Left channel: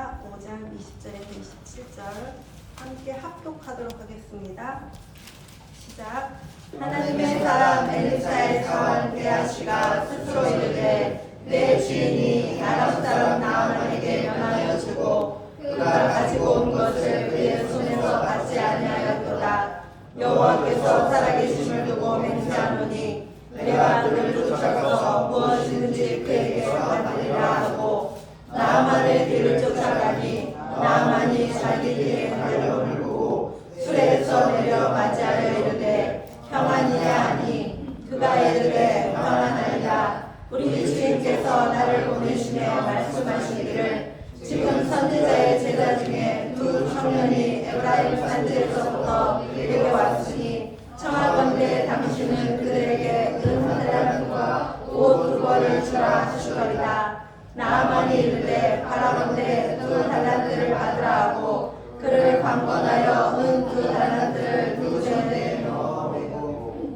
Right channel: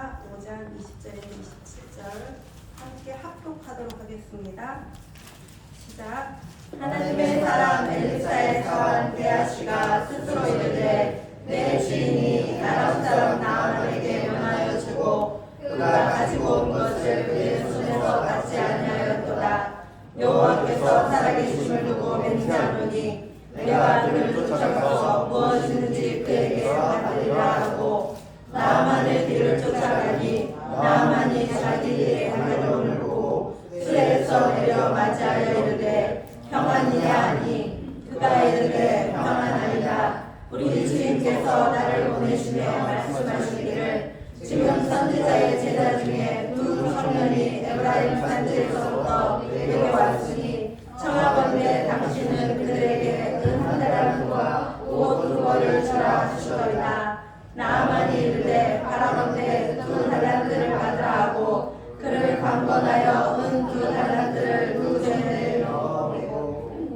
있습니다. 5장 20절에서 27절 함께 합독하도록 하겠습니다. 시작. 하나님의 사람 엘리사의 자완 게하시가 스스로 이르되 내 주인이 아람 사람 나아만에게 면하여 주고 그가 가지고 온 것을 그의 손에서 받지 아니하였도다. 여호와께서 살아계심을 두고 맹세하노니 내가 그를 쫓아서 무엇이든지 그에게 받으리라 하고 나아만의 뒤를 쫓아가니 나아만이 자기 길에 가려움을 보고 수레에서 내려 맞이하여 이르되 평안이냐 하니 그가 이르되 평안하리라. 우리 주인께서 나를 보내시며 말씀하시기를 지금 선지자의 제자 중에 두 청년이 에브라임 산지에서부터 내게 왔으니 청하건대 당신은 그들에게 은 하나랑과 옷 두 벌을 주라 하시더이다. 나아만이 이르되 바라건대 두 달란트를 받으라 하고 그를 강권하여 은 두 달란트를 두 전에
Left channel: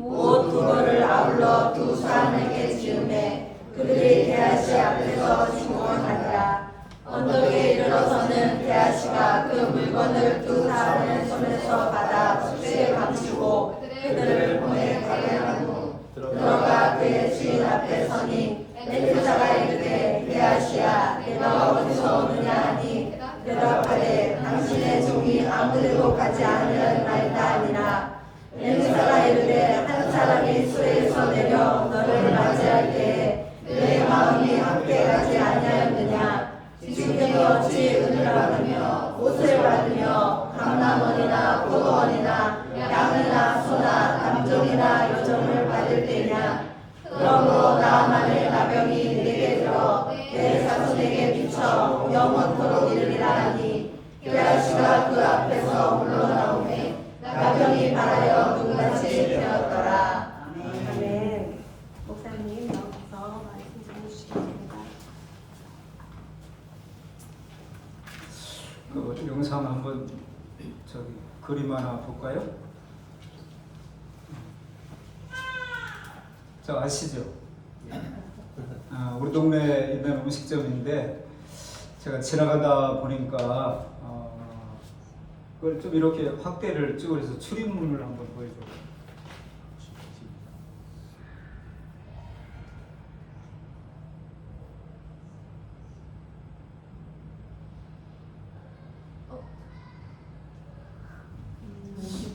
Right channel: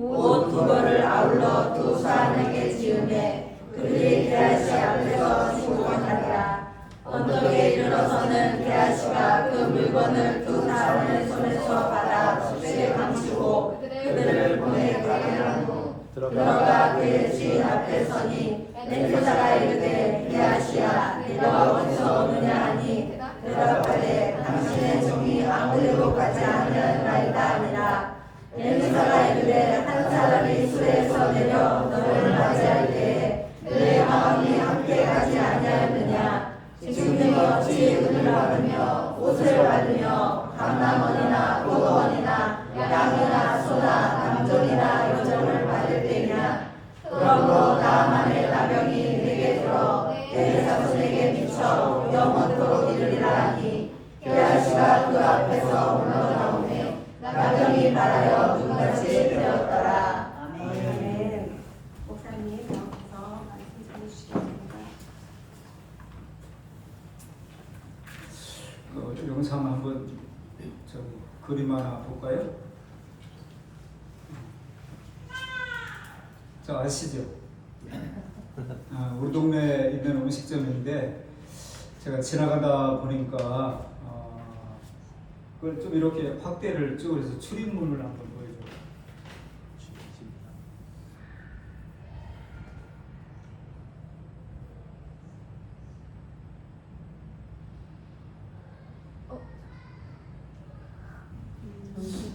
옷 두 벌을 아울러 두 사람에게 지으매 그들이 게하시 앞에서 중공하니라. 언덕에 이르러서는 게하시가 그 물건을 두 사람의 손에서 받아 쇠에 감추고 그들을 보내게 하고 들어가 그의 주인 앞에 서니 엘리사가 이르되 게하시야 내가 어디서 오느냐 하니 대답하되 당신의 종이 아무데도 가지 아니하나이다 하니라. 엘리사가 이르되 한 사람이 수레에서 내려 너를 맞이할 때에 내 마음이 함께 가지 아니하였느냐. 지금이 어찌 은을 받으며 옷을 받으며 감람원이나 포도원이나 양이나 소나 남종이나 여종을 받을 때냐. 그러므로 나아만의 나병이 내게 들어 내 자손에게 미쳐 영원토록 이르리라 하니 게하시가 그 앞에서 물러나오매 나병이 발하여 눈같이 되었더라. 아멘. 목사님 여기서 말씀 해주시겠습니다. 그 영상 한번 그림 하나 볼까요? 자, 아시죠? 우리 동네에 있는 음식점인데 제가 지나가다 보니까 그걸 좀 이렇게 확대를 쭉 해서 출입문을 한번 보여줘.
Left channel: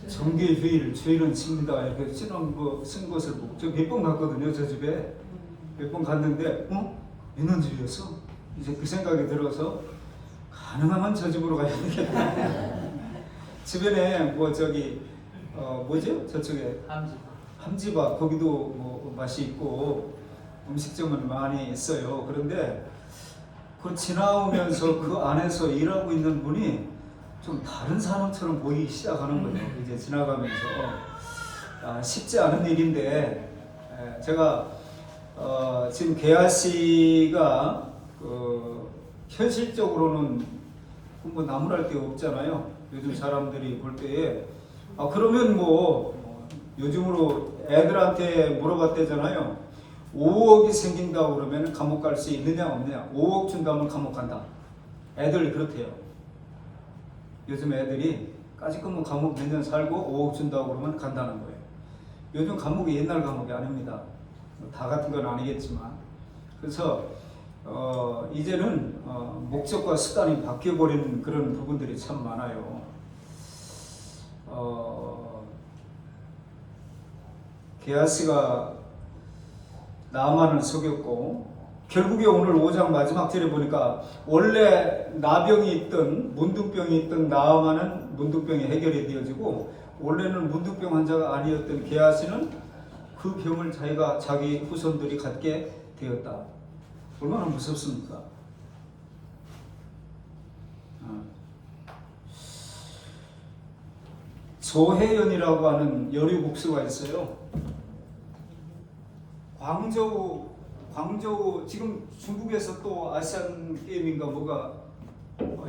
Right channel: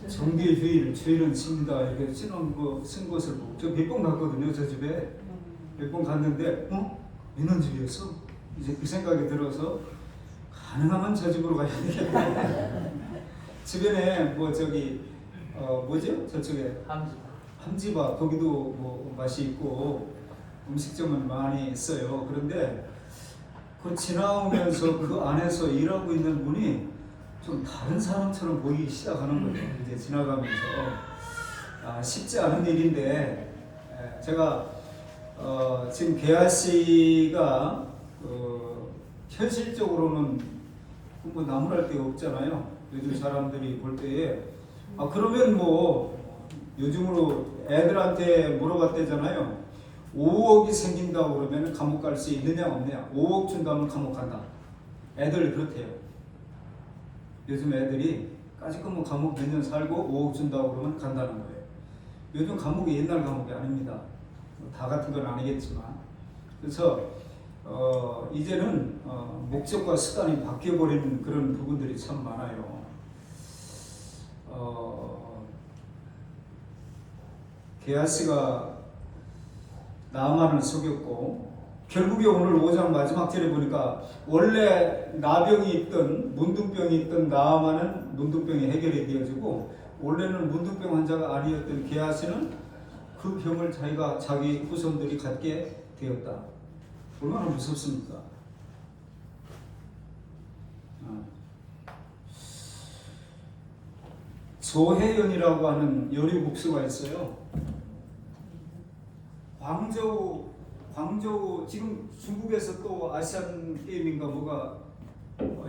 정기휴일, 주일은 칩니다. 이렇게 쓴 것을 보고 저 몇 번 갔거든요. 저 집에 몇 번 갔는데 있는 집이었어. 이제 그 생각이 들어서 가능하면 저 집으로 가야 되겠다. 주변에 뭐죠? 저쪽에 함지바 거기도 뭐 맛이 있고 음식점은 많이 있어요. 그런데 그 지나오면서 그 안에서 일하고 있는 분이 좀 다른 사람처럼 보이기 시작하는 거예요. 이제 지나가면서 쉽지 않은 일인데 제가 지금 게하시가 현실적으로는 뭐 나무랄 데가 없잖아요. 요즘 사람들이 볼 때에 그러면 뭐 요즘으로 애들한테 물어봤대잖아요. 5억이 생긴다고 그러면 감옥 갈 수 있느냐 없느냐. 5억 준다면 감옥 간다. 애들 그렇대요. 요즘 애들이 까짓거 감옥 몇 년 살고 5억 준다고 그러면 간다는 거예요. 요즘 감옥이 옛날 감옥이 아닙니다. 다 같은 건 아니겠지만. 그래서 이제는 목적과 수단이 바뀌어버린 그런 부분들이 참 많아요. 게하시가 나아만을 속였고 결국에 오늘 5장 마지막 절에 보니까 원래 나병이 있던 문둥병이 있던 나아만은 문둥병이 해결이 되어지고 원래는 문둥병 환자가 아니었던 게하시는 그 병을 자기 후손들이 갖게 되었다. 얼마나 무섭습니까? 조혜연이라고 하는 여류국수가 있어요. 광저우 지금 중국에서 또 아시안 게임인가 뭐가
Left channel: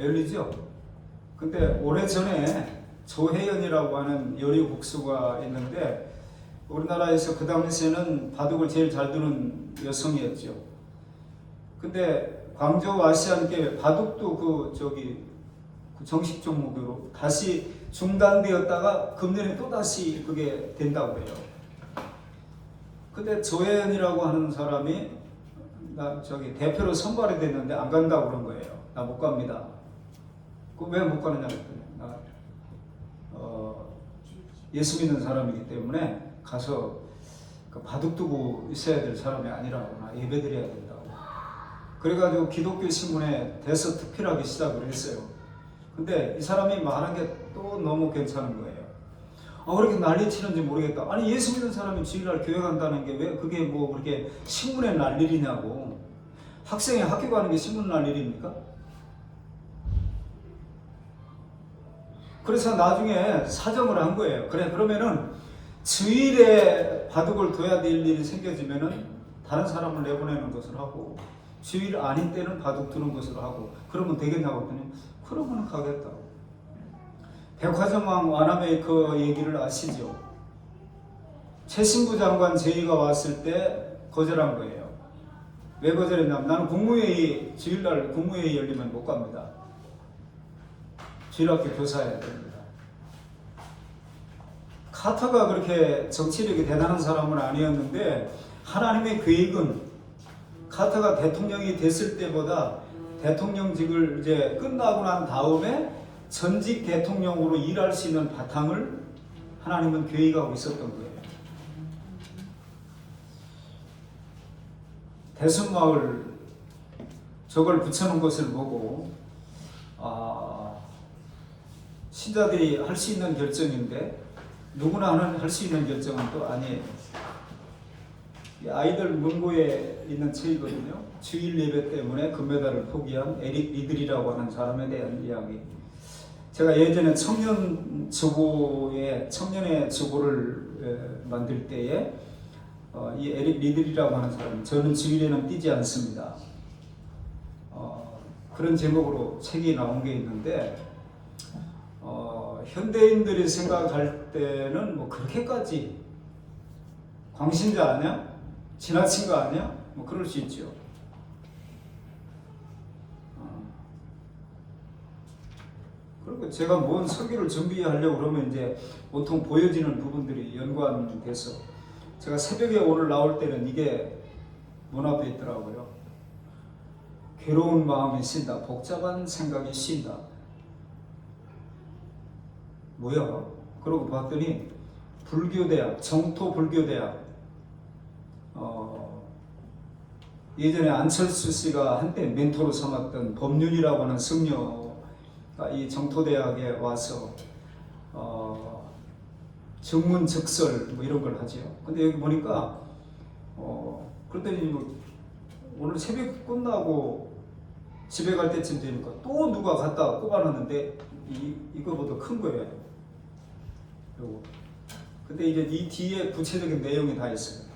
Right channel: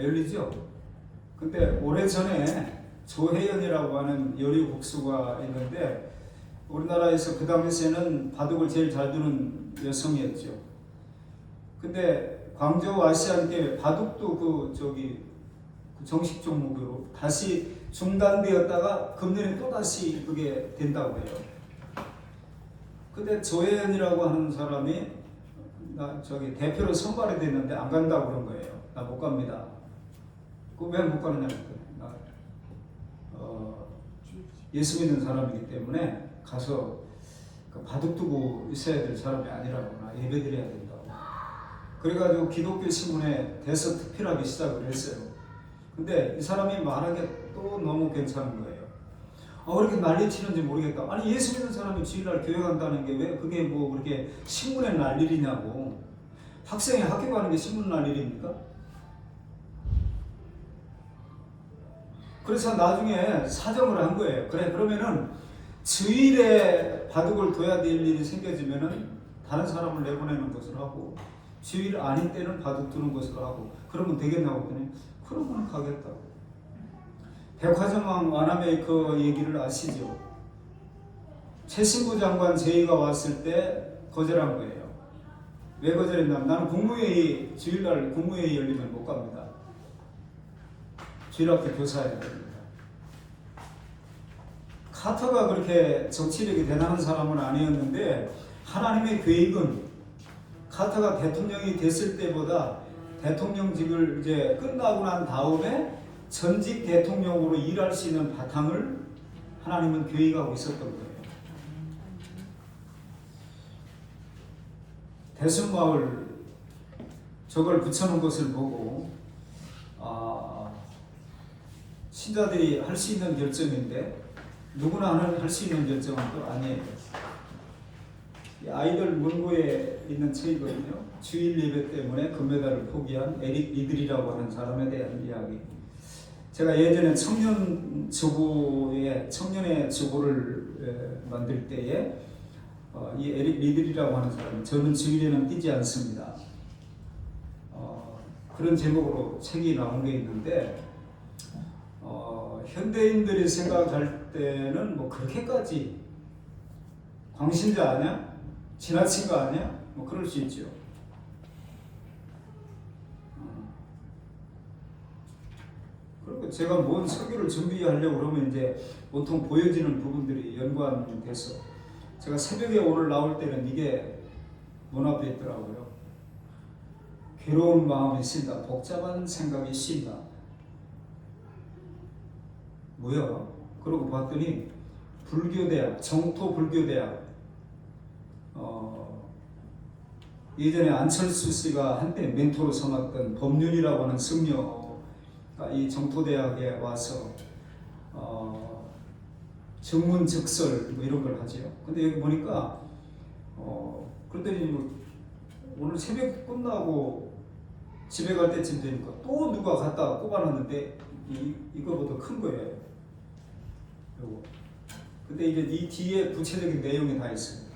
열리죠. 근데 오래전에 조혜연이라고 하는 여류국수가 있는데 우리나라에서 그 당시에는 바둑을 제일 잘 두는 여성이었죠. 근데 광저우 아시안 게임 바둑도 그 정식 종목으로 다시 중단되었다가 금년에 또 다시 그게 된다고 해요. 근데 조혜연이라고 하는 사람이 대표로 선발이 됐는데 안 간다고 그런 거예요. 나 못 갑니다. 그 왜 못 가느냐 그랬더니 예수 믿는 사람이기 때문에 가서 바둑 두고 있어야 될 사람이 아니라고, 나 예배 드려야 된다고. 그래가지고 기독교 신문에 대서특필하기 시작을 했어요. 근데 이 사람이 말한 게 또 너무 괜찮은 거예요. 왜 이렇게 난리치는지 모르겠다. 아니 예수 믿는 사람이 주일날 교회 간다는 게 왜 그게 뭐 그렇게 신문에 날 일이냐고. 학생이 학교 가는 게 신문 날 일입니까? 그래서 나중에 사정을 한 거예요. 그래, 그러면은 주일에 바둑을 둬야 될 일이 생겨지면은 다른 사람을 내보내는 것을 하고, 주일 아닌 때는 바둑 두는 것으로 하고, 그러면 되겠냐고 했더니 그러면 가겠다. 백화점왕 와나메이커 얘기를 아시죠? 최신부 장관 제의가 왔을 때 거절한 거예요. 왜 거절했냐면 나는 국무회의, 주일날 국무회의 열리면 못 갑니다. 주일학교 교사해야 됩니다. 카터가 그렇게 정치력이 대단한 사람은 아니었는데 하나님의 계획은 카터가 대통령이 됐을 때보다 대통령직을 이제 끝나고 난 다음에 전직 대통령으로 일할 수 있는 바탕을 하나님은 계획하고 있었던 거예요. 대순마을 저걸 붙여놓은 것을 보고 신자들이 할 수 있는 결정인데 누구나 할 수 있는 결정은 또 아니에요. 아이들 문고에 있는 책이거든요. 주일 예배 때문에 금메달을 포기한 에릭 리들이라고 하는 사람에 대한 이야기. 제가 예전에 청년의 주보를 만들 때에 이 에릭 리들이라고 하는 사람이 저는 주일에는 뛰지 않습니다. 그런 제목으로 책이 나온 게 있는데 현대인들이 생각할 때는 뭐 그렇게까지 광신자 아니야? 지나친 거 아니야? 뭐 그럴 수 있죠. 그리고 제가 뭔 설교를 준비하려고 그러면 이제 보통 보여지는 부분들이 연관이 돼서 제가 새벽에 오늘 나올 때는 이게 문 앞에 있더라고요. 괴로운 마음이 쉰다. 복잡한 생각이 쉰다. 뭐야? 그러고 봤더니 불교대학, 정토불교대학. 예전에 안철수 씨가 한때 멘토로 삼았던 법륜이라고 하는 승려가 이 정토대학에 와서 정문적설 뭐 이런 걸 하죠. 근데 여기 보니까 그랬더니 뭐 오늘 새벽 끝나고 집에 갈 때쯤 되니까 또 누가 갖다 꼽아놨는데 이거보다 큰 거예요. 요거. 근데 이제 이 뒤에 구체적인 내용이 다 있어요.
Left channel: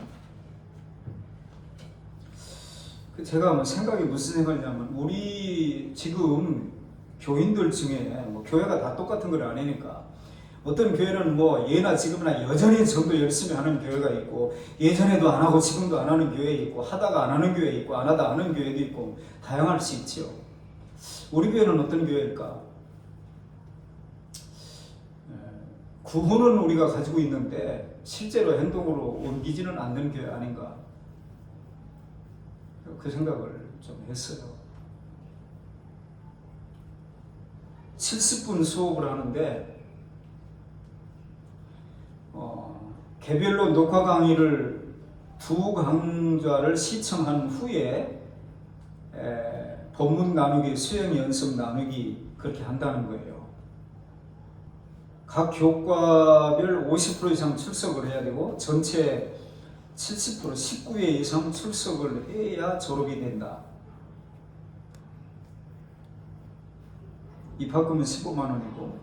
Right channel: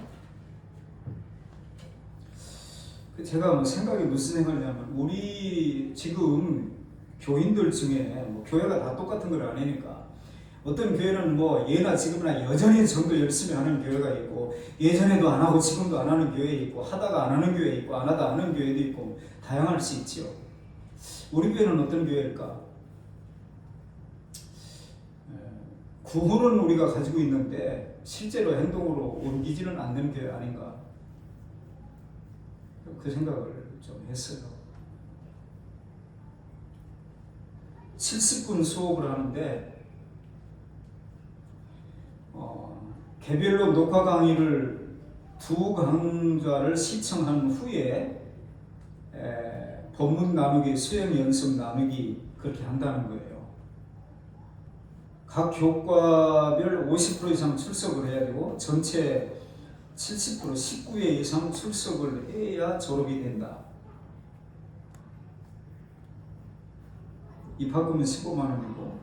제가 뭐 생각이 무슨 생각이냐면 우리 지금 교인들 중에 뭐 교회가 다 똑같은 건 아니니까 어떤 교회는 뭐 예나 지금이나 여전히 전도 열심히 하는 교회가 있고 예전에도 안 하고 지금도 안 하는 교회 있고 하다가 안 하는 교회 있고 안 하다 하는 교회도 있고 다양할 수 있죠. 우리 교회는 어떤 교회일까? 구호는 우리가 가지고 있는데 실제로 행동으로 옮기지는 않는 교회 아닌가? 그 생각을 좀 했어요. 70분 수업을 하는데 개별로 녹화 강의를 두 강좌를 시청한 후에 본문 나누기, 수행 연습 나누기 그렇게 한다는 거예요. 각 교과별 50% 이상 출석을 해야 되고 전체 70% 19회 이상 출석을 해야 졸업이 된다. 입학금은 15만 원이고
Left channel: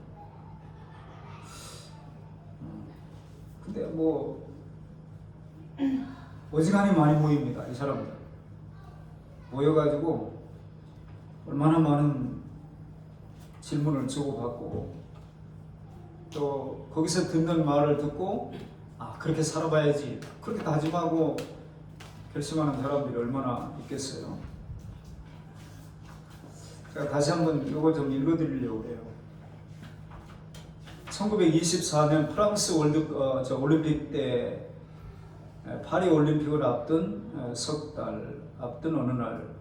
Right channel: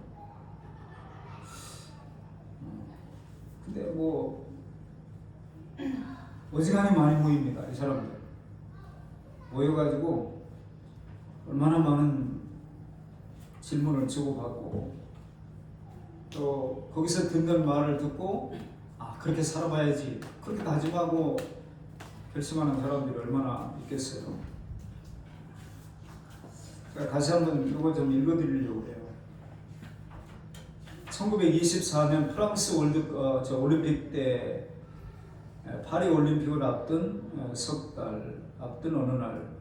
근데 뭐 어지간히 많이 모입니다. 이 사람들 모여가지고 얼마나 많은 질문을 주고받고 또 거기서 듣는 말을 듣고 그렇게 살아봐야지 그렇게 다짐하고 결심하는 사람들이 얼마나 있겠어요. 제가 다시 한번 이걸 좀 읽어드리려고 해요. 1924년 프랑스 올림픽 때 파리 올림픽을 앞둔 석 달 앞둔 어느 날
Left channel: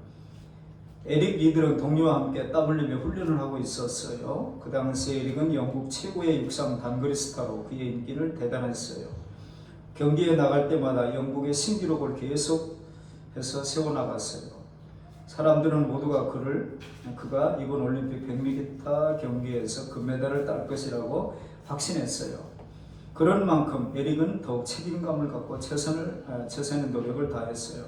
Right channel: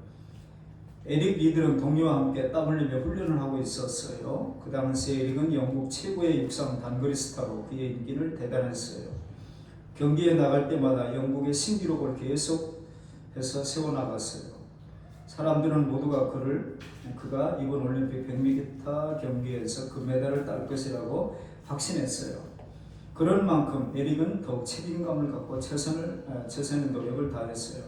에릭 리들은 동료와 함께 땀 흘리며 훈련을 하고 있었어요. 그 당시 에릭은 영국 최고의 육상 단거리 스타로 그의 인기를 대단했어요. 경기에 나갈 때마다 영국의 신기록을 계속해서 세워나갔어요. 사람들은 모두가 그가 이번 올림픽 100m 경기에서 금메달을 딸 것이라고 확신했어요. 그런 만큼 에릭은 더욱 책임감을 갖고 최선의 노력을 다했어요.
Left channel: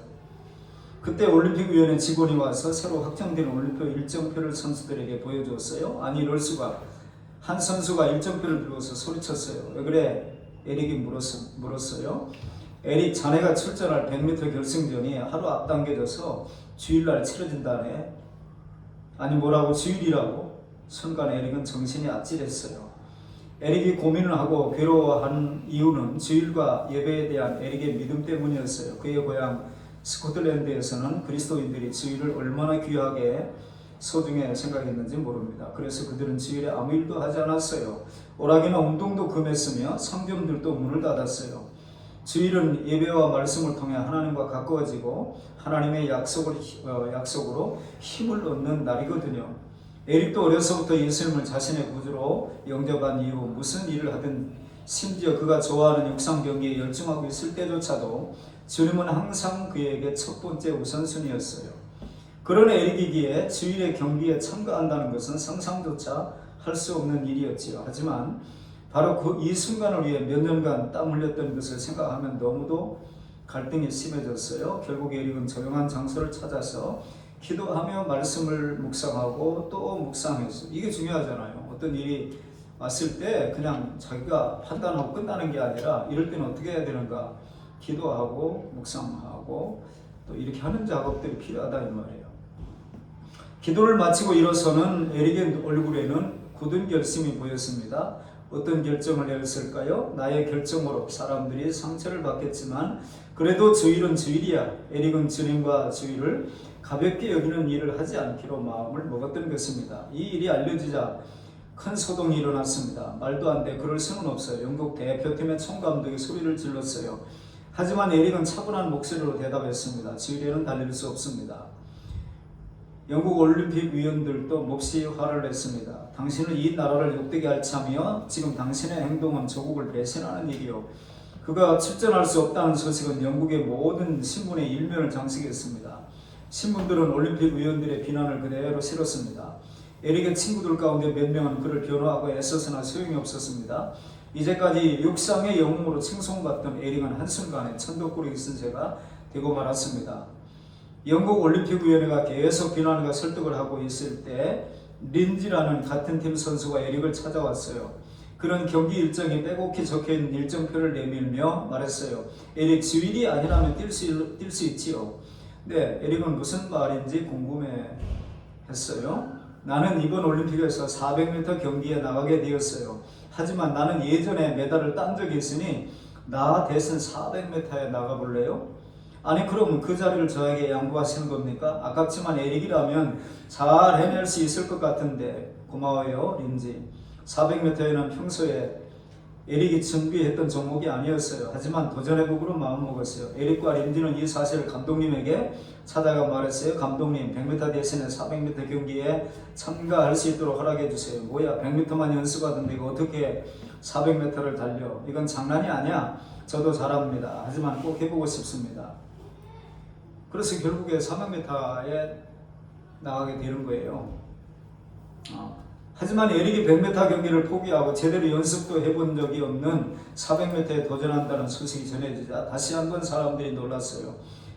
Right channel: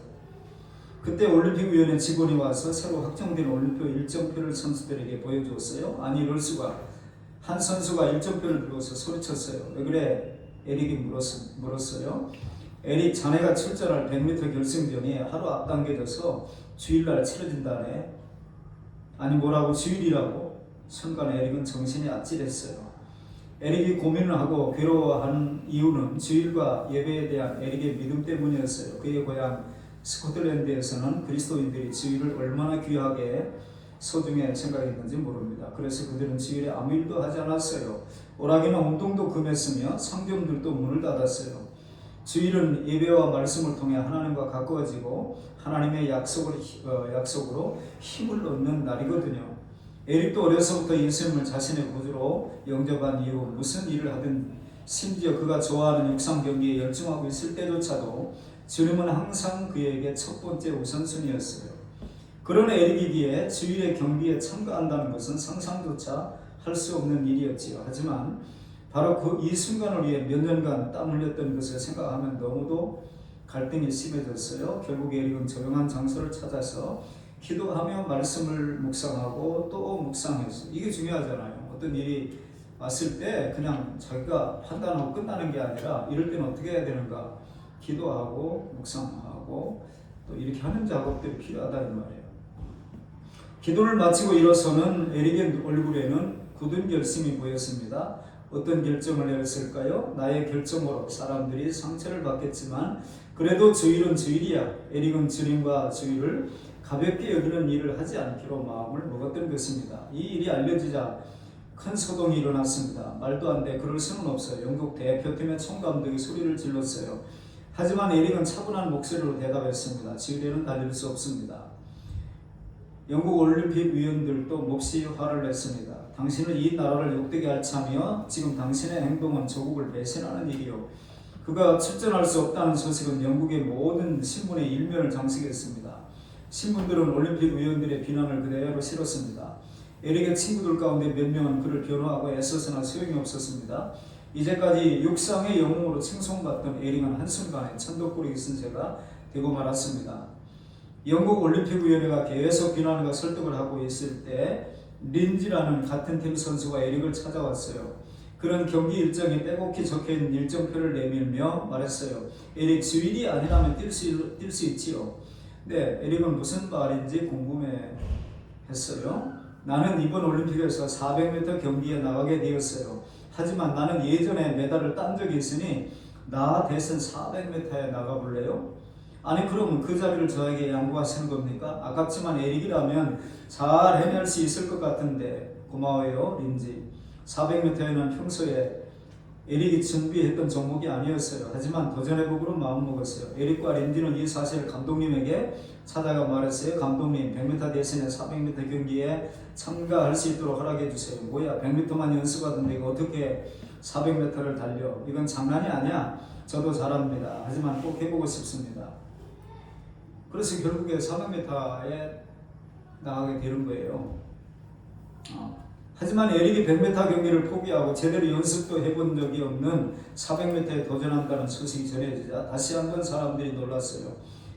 그때 올림픽위원회 직원이 와서 새로 확정된 올림픽 일정표를 선수들에게 보여줬어요. 아니 이럴 수가. 한 선수가 일정표를 들고서 소리쳤어요. 왜 그래? 에릭이 물었어요. 에릭, 자네가 출전할 100m 결승전이 하루 앞당겨져서 주일날 치러진다네. 아니 뭐라고 주일이라고? 순간 에릭은 정신이 아찔했어요. 에릭이 고민을 하고 괴로워한 이유는 주일과 예배에 대한 에릭의 믿음 때문이었어요. 그의 고향 스코틀랜드에서는 그리스도인들이 주일을 얼마나 귀하게 소중히 생각했는지 모릅니다. 그래서 그들은 주일에 아무 일도 하지 않았어요. 오락이나 운동도 금했으며 성전들도 문을 닫았어요. 주일은 예배와 말씀을 통해 하나님과 가까워지고 하나님의 약속으로 힘을 얻는 날이거든요. 에릭도 어려서부터 예수님을 자신의 구주로 영접한 이후 무슨 일을 하든 심지어 그가 좋아하는 육상 경기에 열중하고 있을 때조차도 주님은 항상 그에게 첫 번째 우선순위였어요. 그런 에릭이기에 주일의 경기에 참가한다는 것은 상상조차 할 수 없는 일이었지요. 하지만 바로 이 순간을 위해 몇 년간 땀 흘렸던 것을 생각하면 너무도 갈등이 심해졌어요. 결국 에릭은 조용한 장소를 찾아서 기도하며 말씀을 묵상하고 또 묵상했어요. 이게 중요하잖아요. 어떤 일이 왔을 때 그냥 자기가 판단하고 끝나는 게 아니라 이럴 때는 어떻게 해야 되는가? 기도하고 묵상하고 또 이렇게 하는 작업들이 필요하다 이 말이에요. 기도를 마치고 일어서는 에릭의 얼굴에는 굳은 결심이 보였습니다. 어떤 결정을 내렸을까요? 나의 결정으로 사람들이 상처를 받겠지만 그래도 주일은 주일이야. 에릭은 주님과 주일을 가볍게 여기는 일을 하지 않기로 마음을 먹었던 것입니다. 이 일이 알려지자 큰 소동이 일어났습니다. 말도 안 돼. 그럴 수는 없어요. 영국 대표팀의 총감독이 소리를 질렀어요. 하지만 에릭은 차분한 목소리로 대답했습니다. 주일에는 달릴 수 없습니다. 영국 올림픽 위원들도 몹시 화를 냈습니다. 당신은 이 나라를 욕되게 할 참이요. 지금 당신의 행동은 조국을 배신하는 일이요. 그가 출전할 수 없다는 소식은 영국의 모든 신문의 일면을 장식했습니다. 신문들은 올림픽 위원들의 비난을 그대로 실었습니다. 에릭의 친구들 가운데 몇 명은 그를 변호하고 애써서나 소용이 없었습니다. 이제까지 육상의 영웅으로 칭송받던 에릭은 한순간에 천덕꾸러기 쓴 죄가 되고 말았습니다. 영국 올림픽위원회가 계속 비난과 설득을 하고 있을 때 린지라는 같은 팀 선수가 에릭을 찾아왔어요. 그런 경기 일정이 빼곡히 적혀있는 일정표를 내밀며 말했어요. 에릭, 주일이 아니라면 뛸 수 있지요. 네, 에릭은 무슨 말인지 궁금해했어요. 나는 이번 올림픽에서 400m 경기에 나가게 되었어요. 하지만 나는 예전에 메달을 딴 적이 있으니 나 대신 400m에 나가볼래요? 아니 그럼 그 자리를 저에게 양보하시는 겁니까? 아깝지만 에릭이라면 잘 해낼 수 있을 것 같은데. 고마워요 린지. 400m에는 평소에 에릭이 준비했던 종목이 아니었어요. 하지만 도전해보기로 마음먹었어요. 에릭과 린지는 이 사실을 감독님에게 찾아가 말했어요. 감독님, 100m 대신에 400m 경기에 참가할 수 있도록 허락해주세요. 뭐야, 100m만 연습하던데 이거 어떻게 400m를 달려? 이건 장난이 아니야. 저도 잘합니다. 하지만 꼭 해보고 싶습니다. 그래서 결국에 400m에 나가게 되는 거예요. 하지만 에릭이 100m 경기를 포기하고 제대로 연습도 해본 적이 없는 400m에 도전한다는 소식이 전해지자 다시 한번 사람들이 놀랐어요.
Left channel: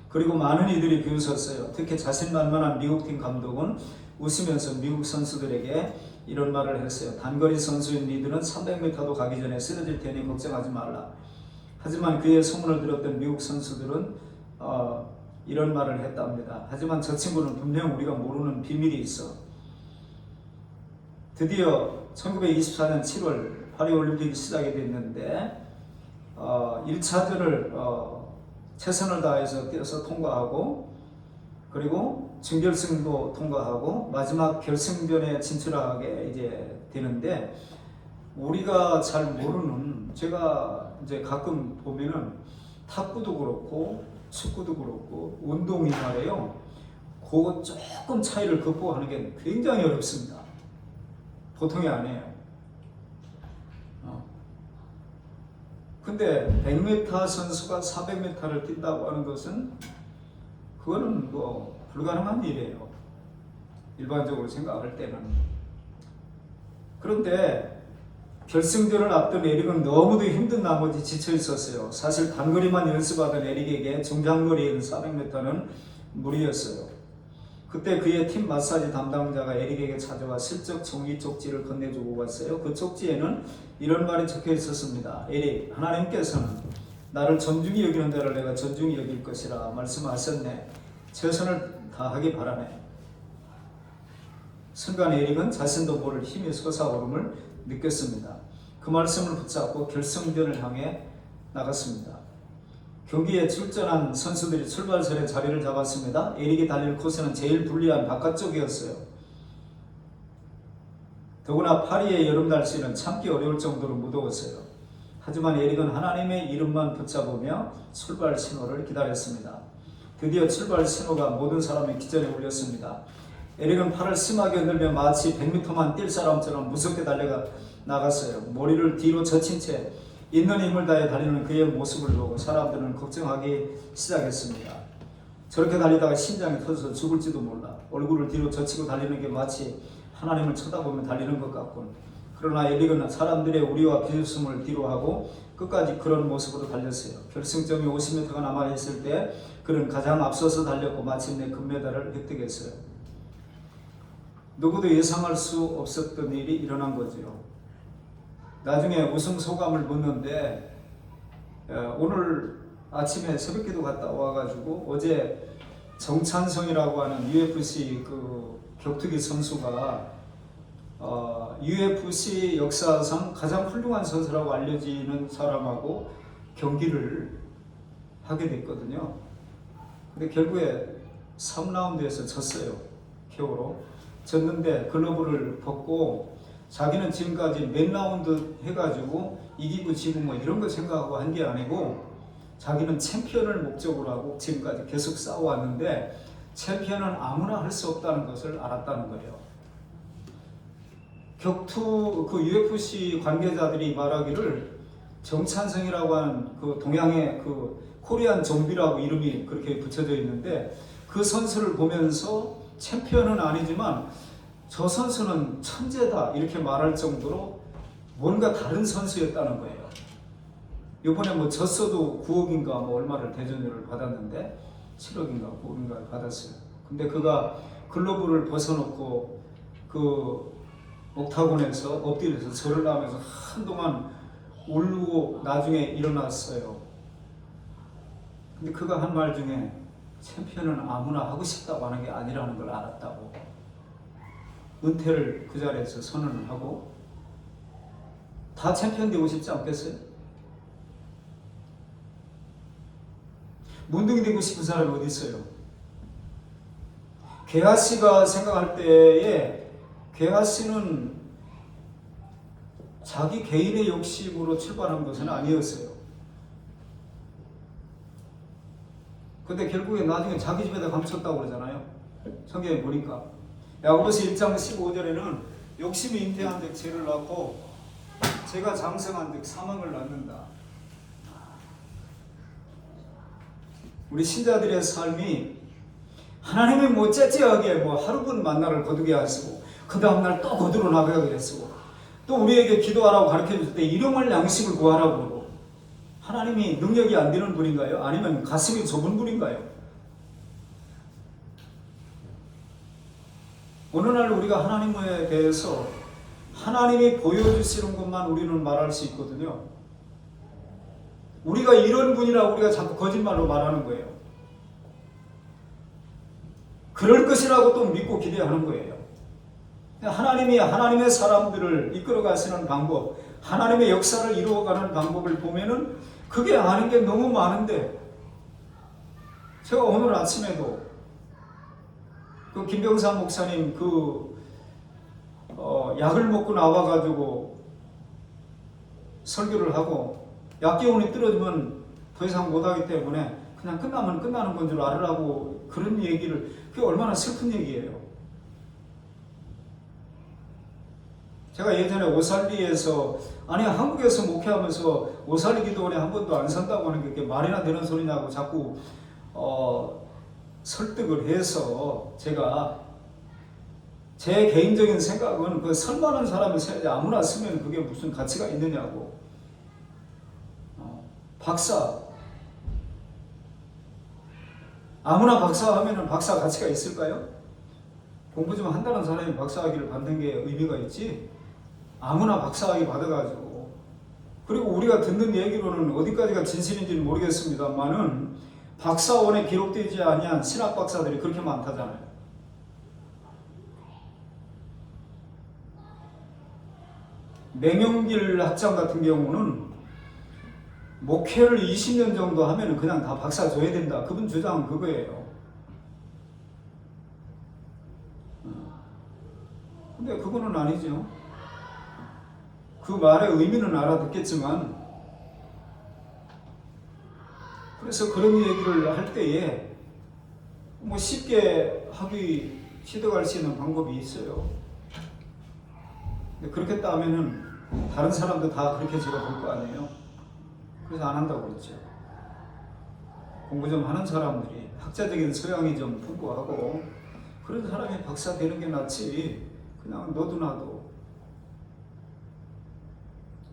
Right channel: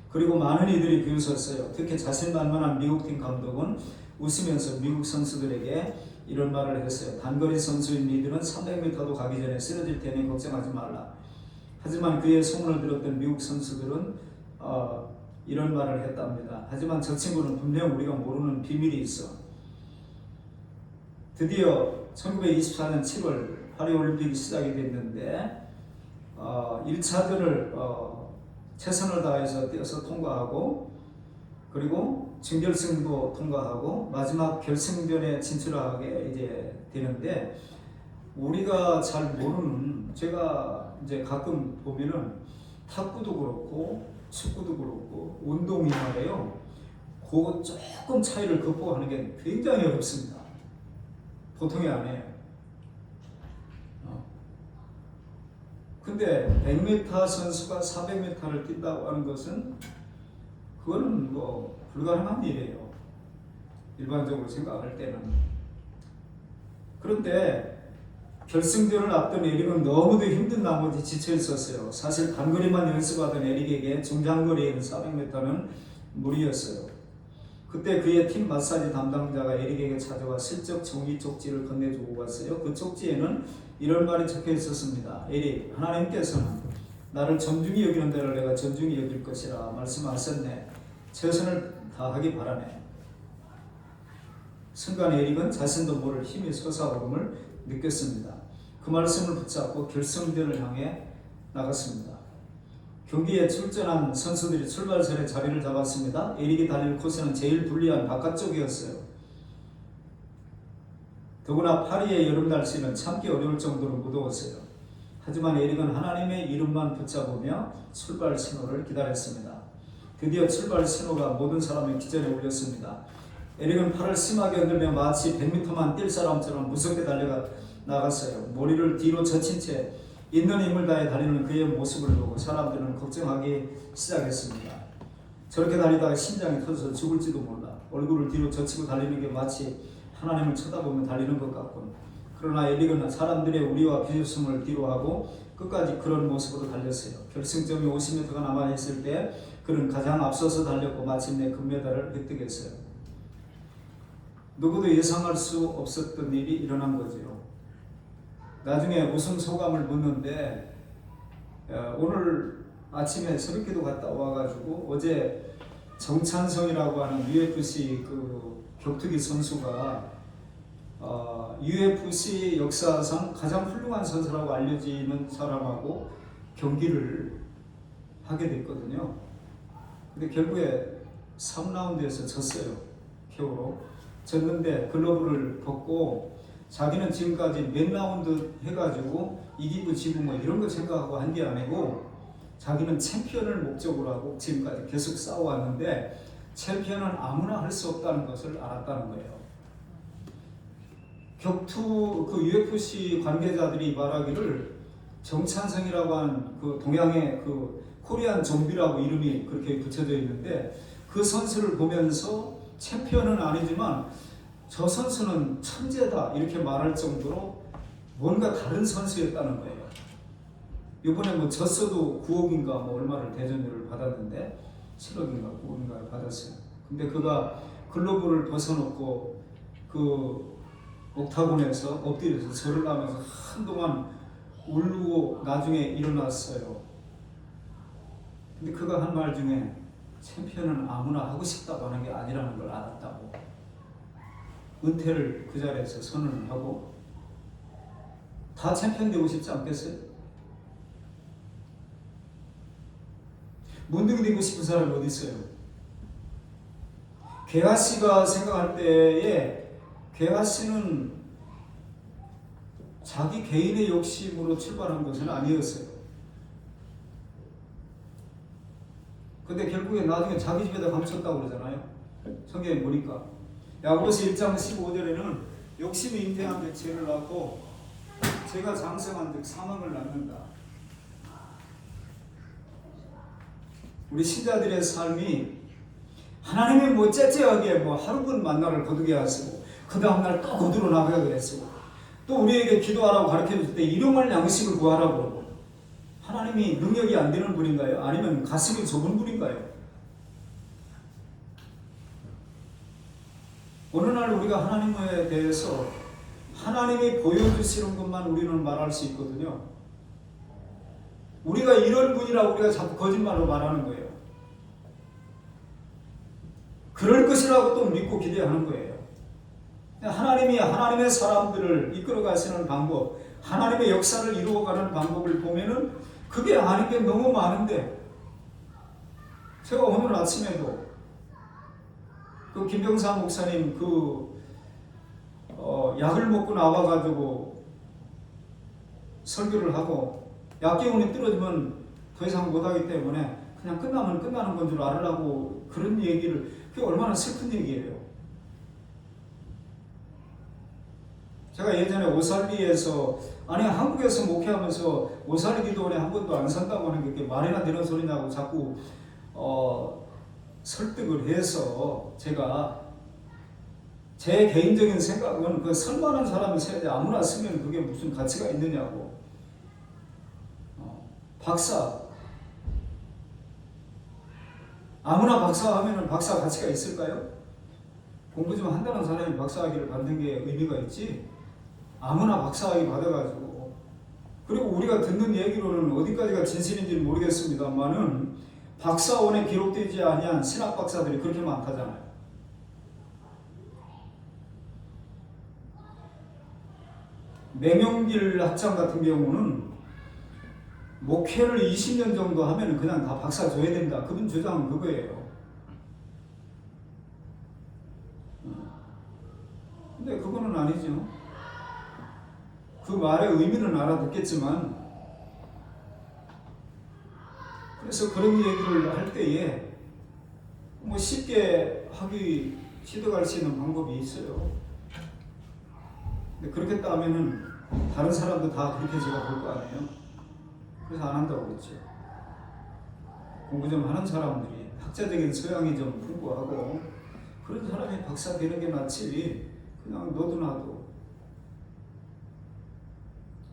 그리고 많은 이들이 비웃었어요. 특히 자신만만한 미국팀 감독은 웃으면서 미국 선수들에게 이런 말을 했어요. 단거리 선수인 니들은 300m도 가기 전에 쓰러질 테니 걱정하지 말라. 하지만 그의 소문을 들었던 미국 선수들은 이런 말을 했답니다. 하지만 저 친구는 분명 우리가 모르는 비밀이 있어. 드디어 1924년 7월 파리올림픽이 시작이 됐는데 1차전을 최선을 다해서 뛰어서 통과하고 그리고 준결승도 통과하고 마지막 결승전에 진출하게 이제 되는데, 우리가 잘 모르는, 제가 이제 가끔 보면은 탁구도 그렇고 축구도 그렇고 운동이 말이에요. 그 조금 차이를 극복하는 게 굉장히 어렵습니다. 보통이 아니에요. 근데 100m 선수가 400m를 뛴다고 하는 것은 그거는 뭐 불가능한 일이에요. 일반적으로 생각할 때는. 그런데 결승전을 앞둔 에릭은 너무도 힘든 나머지 지쳐 있었어요. 사실 단거리만 연습하던 에릭에게 중장거리에는 400m는 무리였어요. 그때 그의 팀 마사지 담당자가 에릭에게 찾아와 슬쩍 종이 쪽지를 건네주고 갔어요. 그 쪽지에는 이런 말이 적혀 있었습니다. 에릭, 하나님께서는 나를 존중히 여기는 자를 내가 존중히 여길 것이라 말씀하셨네. 최선을 다하기 바라네. 순간 에릭은 자신도 모를 힘이 솟아오름을 느꼈습니다. 그 말씀을 붙잡고 결승전을 향해 나갔습니다. 경기에 출전한 선수들이 출발선에 자리를 잡았습니다. 에릭이 달릴 코스는 제일 불리한 바깥쪽이었어요. 더구나 파리의 여름 날씨는 참기 어려울 정도로 무더웠어요. 하지만 에릭은 하나님의 이름만 붙잡으며 출발 신호를 기다렸습니다. 드디어 출발 신호가 모든 사람의 기절에 울렸습니다. 에릭은 팔을 심하게 흔들며 마치 100m만 뛸 사람처럼 무섭게 달려가 나갔어요. 머리를 뒤로 젖힌 채 있는 힘을 다해 달리는 그의 모습을 보고 사람들은 걱정하기 시작했습니다. 저렇게 달리다가 심장이 터져서 죽을지도 몰라. 얼굴을 뒤로 젖히고 달리는 게 마치 하나님을 쳐다보며 달리는 것 같군. 그러나 에릭은 사람들의 우리와 비웃음을 뒤로하고 끝까지 그런 모습으로 달렸어요. 결승점이 50m가 남아있을 때 그는 가장 앞서서 달렸고 마침내 금메달을 획득했어요. 누구도 예상할 수 없었던 일이 일어난 거지요. 나중에 우승 소감을 묻는데, 오늘 아침에 새벽기도 갔다 와가지고 어제 정찬성이라고 하는 UFC 그 격투기 선수가 UFC 역사상 가장 훌륭한 선수라고 알려지는 사람하고 경기를 하게 됐거든요. 근데 결국에 3라운드에서 졌어요. KO로 졌는데 글러브를 벗고 자기는 지금까지 몇 라운드 해가지고 이기고 지고 뭐 이런 거 생각하고 한 게 아니고 자기는 챔피언을 목적으로 하고 지금까지 계속 싸워왔는데 챔피언은 아무나 할 수 없다는 것을 알았다는 거예요. 격투 그 UFC 관계자들이 말하기를 정찬성이라고 하는 그 동양의 그 코리안 좀비라고 이름이 그렇게 붙여져 있는데 그 선수를 보면서 챔피언은 아니지만 저 선수는 천재다 이렇게 말할 정도로 뭔가 다른 선수였다는 거예요. 이번에 뭐 졌어도 9억인가 뭐 얼마를 대전료를 받았는데 7억인가 9억인가 받았어요. 근데 그가 글러브를 벗어놓고 그 옥타곤에서 엎드려서 절을 하면서 한동안 울고 나중에 일어났어요. 근데 그가 한 말 중에 챔피언은 아무나 하고 싶다고 하는 게 아니라는 걸 알았다고. 은퇴를 그 자리에서 선언을 하고 다 챔피언 되고 싶지 않겠어요? 문둥이 되고 싶은 사람이 어디 있어요? 개하씨가 생각할 때에 개하씨는 자기 개인의 욕심으로 출발한 것은 아니었어요. 근데 결국에 나중에 자기 집에다 감췄다고 그러잖아요. 성경에 보니까 야고보서 1장 15절에는 욕심이 잉태한 데 죄를 낳고 죄가 장성한 데 사망을 낳는다. 우리 신자들의 삶이 하나님의 뭐 째째하게 뭐 하루분 만나를 거두게 하시고 그 다음날 또 거두러 나가게 하시고 또 우리에게 기도하라고 가르쳐줄 때 일용할 양식을 구하라고 그러고 하나님이 능력이 안 되는 분인가요? 아니면 가슴이 좁은 분인가요? 어느 날 우리가 하나님에 대해서 하나님이 보여주시는 것만 우리는 말할 수 있거든요. 우리가 이런 분이라고 우리가 자꾸 거짓말로 말하는 거예요. 그럴 것이라고 또 믿고 기대하는 거예요. 하나님이 하나님의 사람들을 이끌어 가시는 방법, 하나님의 역사를 이루어가는 방법을 보면은 그게 아는 게 너무 많은데 제가 오늘 아침에도 그 김병삼 목사님 약을 먹고 나와가지고 설교를 하고 약기운이 떨어지면 더 이상 못하기 때문에 그냥 끝나면 끝나는 건 줄 알으라고 그런 얘기를, 그게 얼마나 슬픈 얘기예요. 제가 예전에 오살리에서, 아니 한국에서 목회하면서 오살리 기도원에 한 번도 안 산다고 하는 게 그게 말이나 되는 소리냐고 자꾸 설득을 해서, 제가 제 개인적인 생각은 그 설만한 사람을 세야지 아무나 쓰면 그게 무슨 가치가 있느냐고. 박사, 아무나 박사하면 박사 가치가 있을까요? 공부 좀 한다는 사람이 박사학위를 받는 게 의미가 있지, 아무나 박사학위 받아가지고. 그리고 우리가 듣는 얘기로는 어디까지가 진실인지는 모르겠습니다만은 박사원에 기록되지 아니한 신학 박사들이 그렇게 많다잖아요. 맹영길 학장 같은 경우는 목회를 20년 정도 하면 그냥 다 박사 줘야 된다. 그분 주장은 그거예요. 근데 그거는 아니죠. 그 말의 의미는 알아듣겠지만, 그래서 그런 얘기를 할 때에 뭐 쉽게 시도할 수 있는 방법이 있어요. 근데 그렇게 하면은 다른 사람도 다 그렇게 제가 볼 거 아니에요. 그래서 안 한다고 그랬죠. 공부 좀 하는 사람들이, 학자적인 소양이 좀 풍부하고 그런 사람이 박사 되는 게 낫지, 그냥 너도 나도.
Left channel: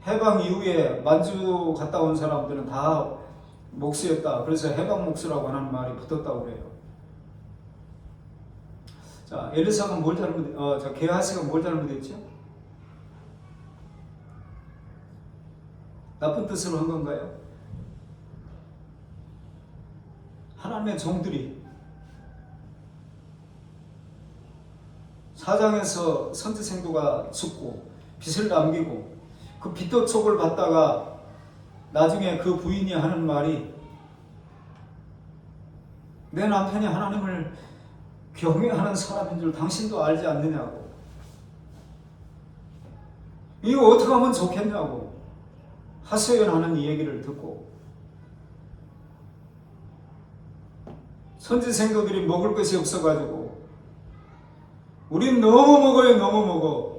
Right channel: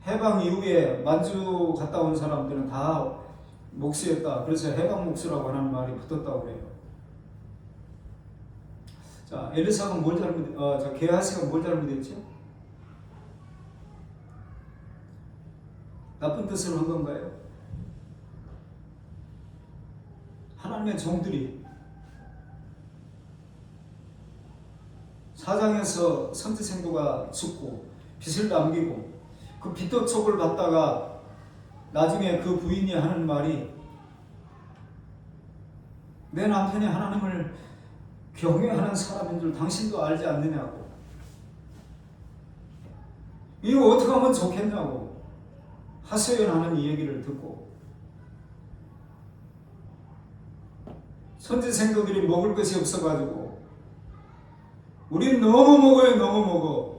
해방 이후에 만주 갔다 온 사람들은 다 목수였다. 그래서 해방 목수라고 하는 말이 붙었다고 그래요. 자, 엘리사가 게하시가 뭘 잘못했죠? 나쁜 뜻으로 한 건가요? 하나님의 종들이 사장에서 선지생도가 죽고 빚을 남기고 그 빚도촉을 받다가 나중에 그 부인이 하는 말이, 내 남편이 하나님을 경외하는 사람인 줄 당신도 알지 않느냐고. 이거 어떻게 하면 좋겠냐고 하소연하는 이 얘기를 듣고, 선지생도들이 먹을 것이 없어가지고 우린 너무 먹어요, 너무 먹어.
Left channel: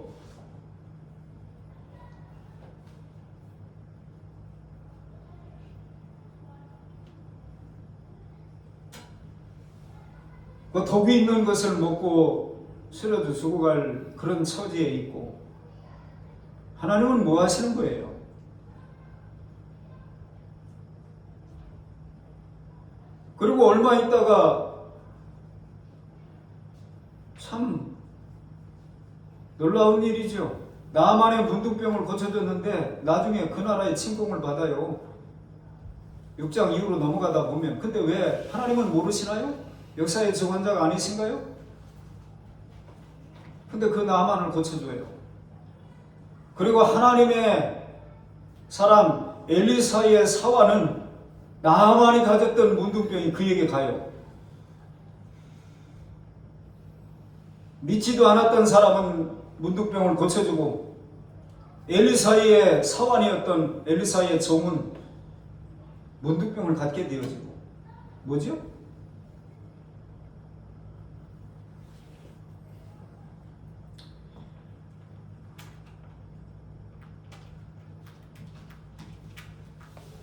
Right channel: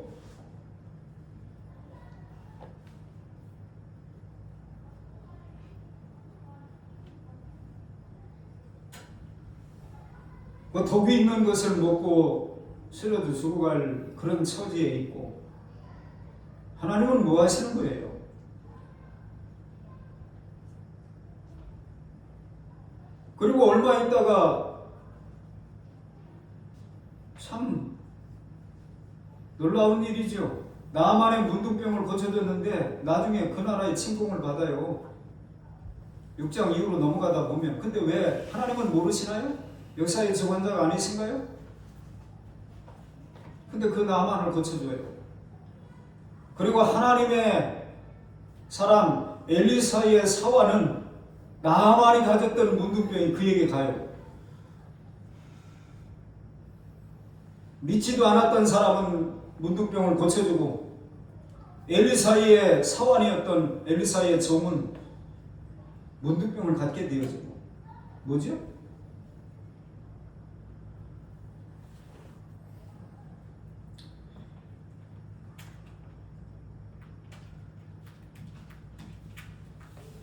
그 독이 있는 것을 먹고 쓰러져 죽어갈 그런 처지에 있고, 하나님은 뭐 하시는 거예요? 그리고 얼마 있다가 참 놀라운 일이죠. 나만의 문둥병을 고쳐줬는데 나중에 그 나라의 침공을 받아요. 6장 이후로 넘어가다 보면. 근데 왜 하나님은 모르시나요? 역사의 주관자가 아니신가요? 근데 그 나만을 고쳐줘요. 그리고 하나님의 사람 엘리사의 사화는 나만이 가졌던 문둥병이 그에게 가요. 믿지도 않았던 사람은 문둥병을 고쳐주고, 엘리사의 사환이었던 엘리사의 종은 문둥병을 갖게 되어지고. 뭐죠?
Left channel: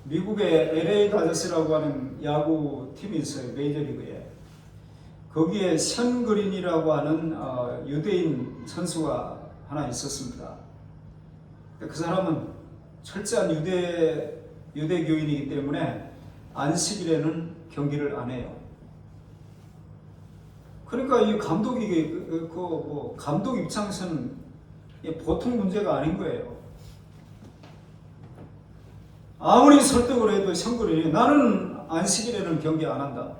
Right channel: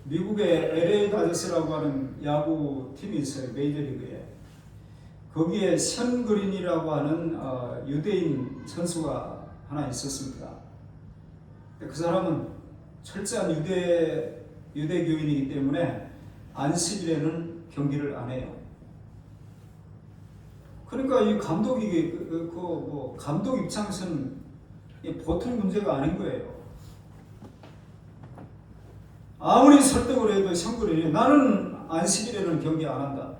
미국의 LA 다저스라고 하는 야구 팀이 있어요. 메이저리그에. 거기에 션 그린이라고 하는 유대인 선수가 하나 있었습니다. 그 사람은 철저한 유대교인이기 때문에 안식일에는 경기를 안 해요. 그러니까 이 감독이 감독 입장에서는 보통 문제가 아닌 거예요. 아무리 설득을 해도 션 그린이 나는 안식일에는 경기 안 한다.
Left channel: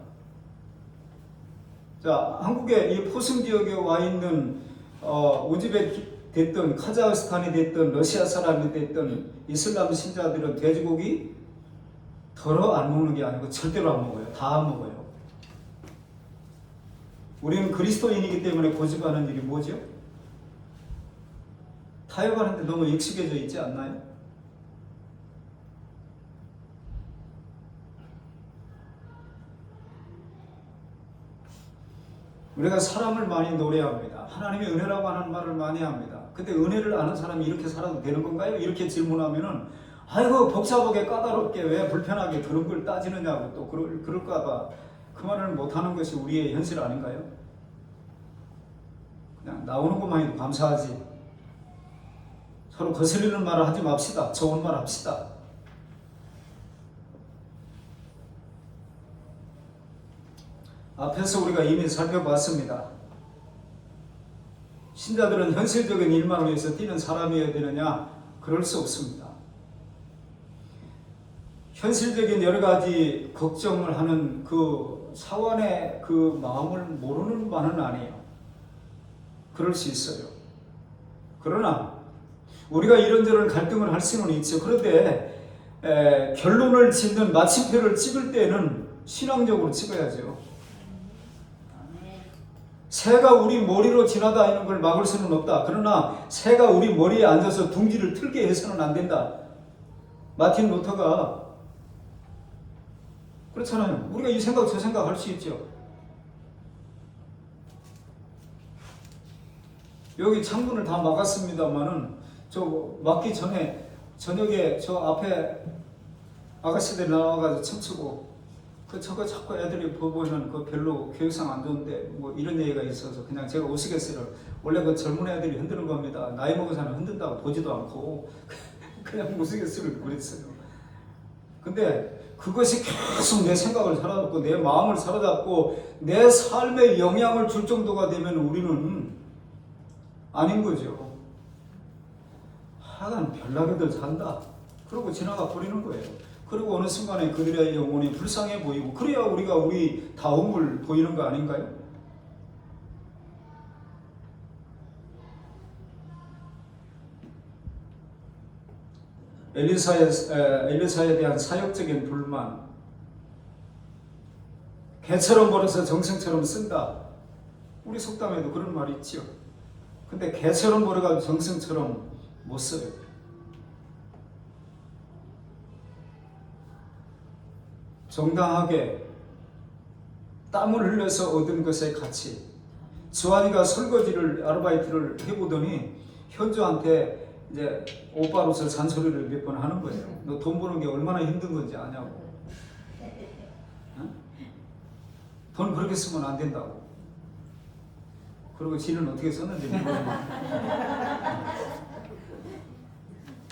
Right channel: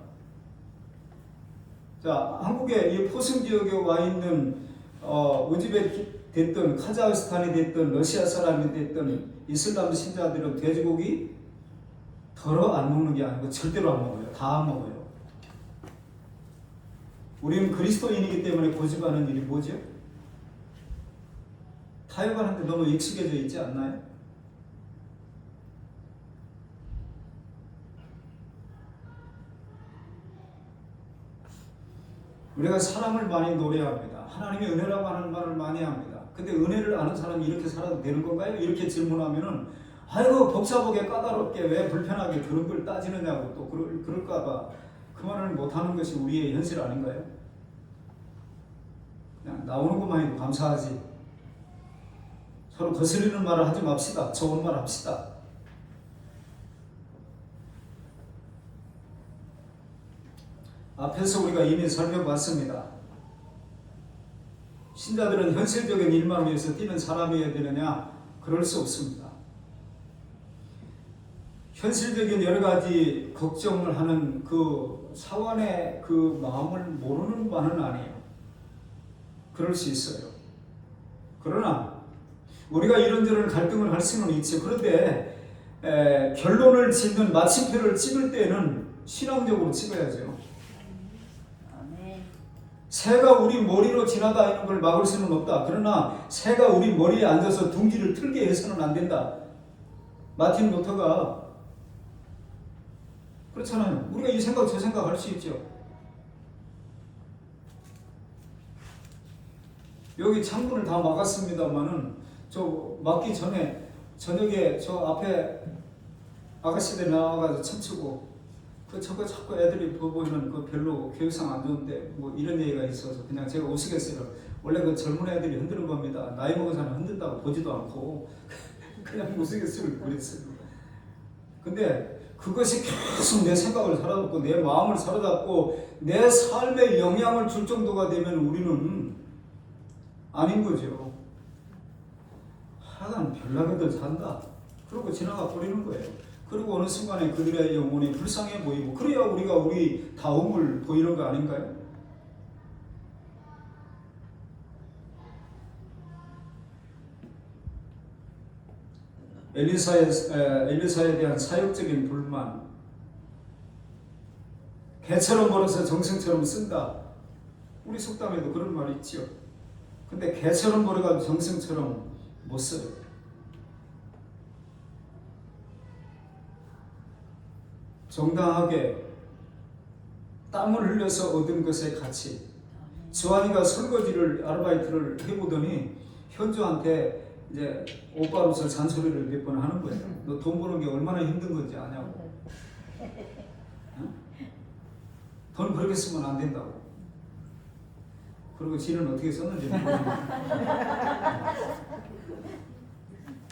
자, 한국의 이 포승 지역에 와 있는 우즈벡 됐든 카자흐스탄이 됐든 러시아 사람이 됐든 이슬람 신자들은 돼지고기 덜어 안 먹는 게 아니고 절대로 안 먹어요. 다 안 먹어요. 우리는 그리스도인이기 때문에 고집하는 일이 뭐죠? 타협하는데 너무 익숙해져 있지 않나요? 우리가 사람을 많이 노래합니다. 하나님의 은혜라고 하는 말을 많이 합니다. 근데 은혜를 아는 사람이 이렇게 살아도 되는 건가요? 이렇게 질문하면은 아이고 복잡하게 까다롭게 왜 불편하게 그런 걸 따지느냐고 또 그럴까봐 그 말을 못하는 것이 우리의 현실 아닌가요? 그냥 나오는 것만 해도 감사하지. 서로 거슬리는 말을 하지 맙시다. 좋은 말 합시다. 앞에서 우리가 이미 살펴봤습니다. 신자들은 현실적인 일만 위해서 뛰는 사람이어야 되느냐? 그럴 수 없습니다. 현실적인 여러 가지 걱정을 하는 그 사원의 그 마음을 모르는 바는 아니에요. 그럴 수 있어요. 그러나 우리가 이런저런 갈등을 할 수는 있죠. 그런데 결론을 짓는 마침표를 찍을 때는 신앙적으로 찍어야죠. 새가 우리 머리로 지나다니는 걸 막을 수는 없다. 그러나 새가 우리 머리에 앉아서 둥지를 틀게 해서는 안 된다. 마틴 루터가 그렇잖아요. 우리가 이 생각 저 생각 할 수 있죠. 여기 창문을 다 막았습니다만은 저 막기 전에 저녁에 저 앞에 아가씨들 나와가지고 춤추고 저거 자꾸 애들이 보면 그 별로 교육상 안 좋은데 뭐 이런 얘기가 있어서 그냥 제가 우스갯소리로 원래 그 젊은 애들이 흔드는 겁니다. 나이 먹은 사람 흔든다고 보지도 않고 그냥 우스갯소리를 그랬어요. 근데 그것이 계속 내 생각을 사로잡고 내 마음을 사로잡고 내 삶에 영향을 줄 정도가 되면 우리는 아닌 거죠. 하여간 별나게들 산다. 그러고 지나가 버리는 거예요. 그리고 어느 순간에 그들의 영혼이 불쌍해 보이고 그래야 우리가 우리 다움을 보이는 거 아닌가요? 엘리사에 대한 사역적인 불만, 개처럼 벌어서 정승처럼 쓴다. 우리 속담에도 그런 말이 있지요. 근데 개처럼 벌어가지고 정승처럼 못 써요. 정당하게 땀을 흘려서 얻은 것의 가치. 주한이가 설거지를 아르바이트를 해보더니 현주한테 이제 오빠로서 잔소리를 몇 번 하는 거예요. 너 돈 버는 게 얼마나 힘든 건지 아냐고. 응? 돈 그렇게 쓰면 안 된다고. 그리고 지는 어떻게 썼는지 모르겠는데.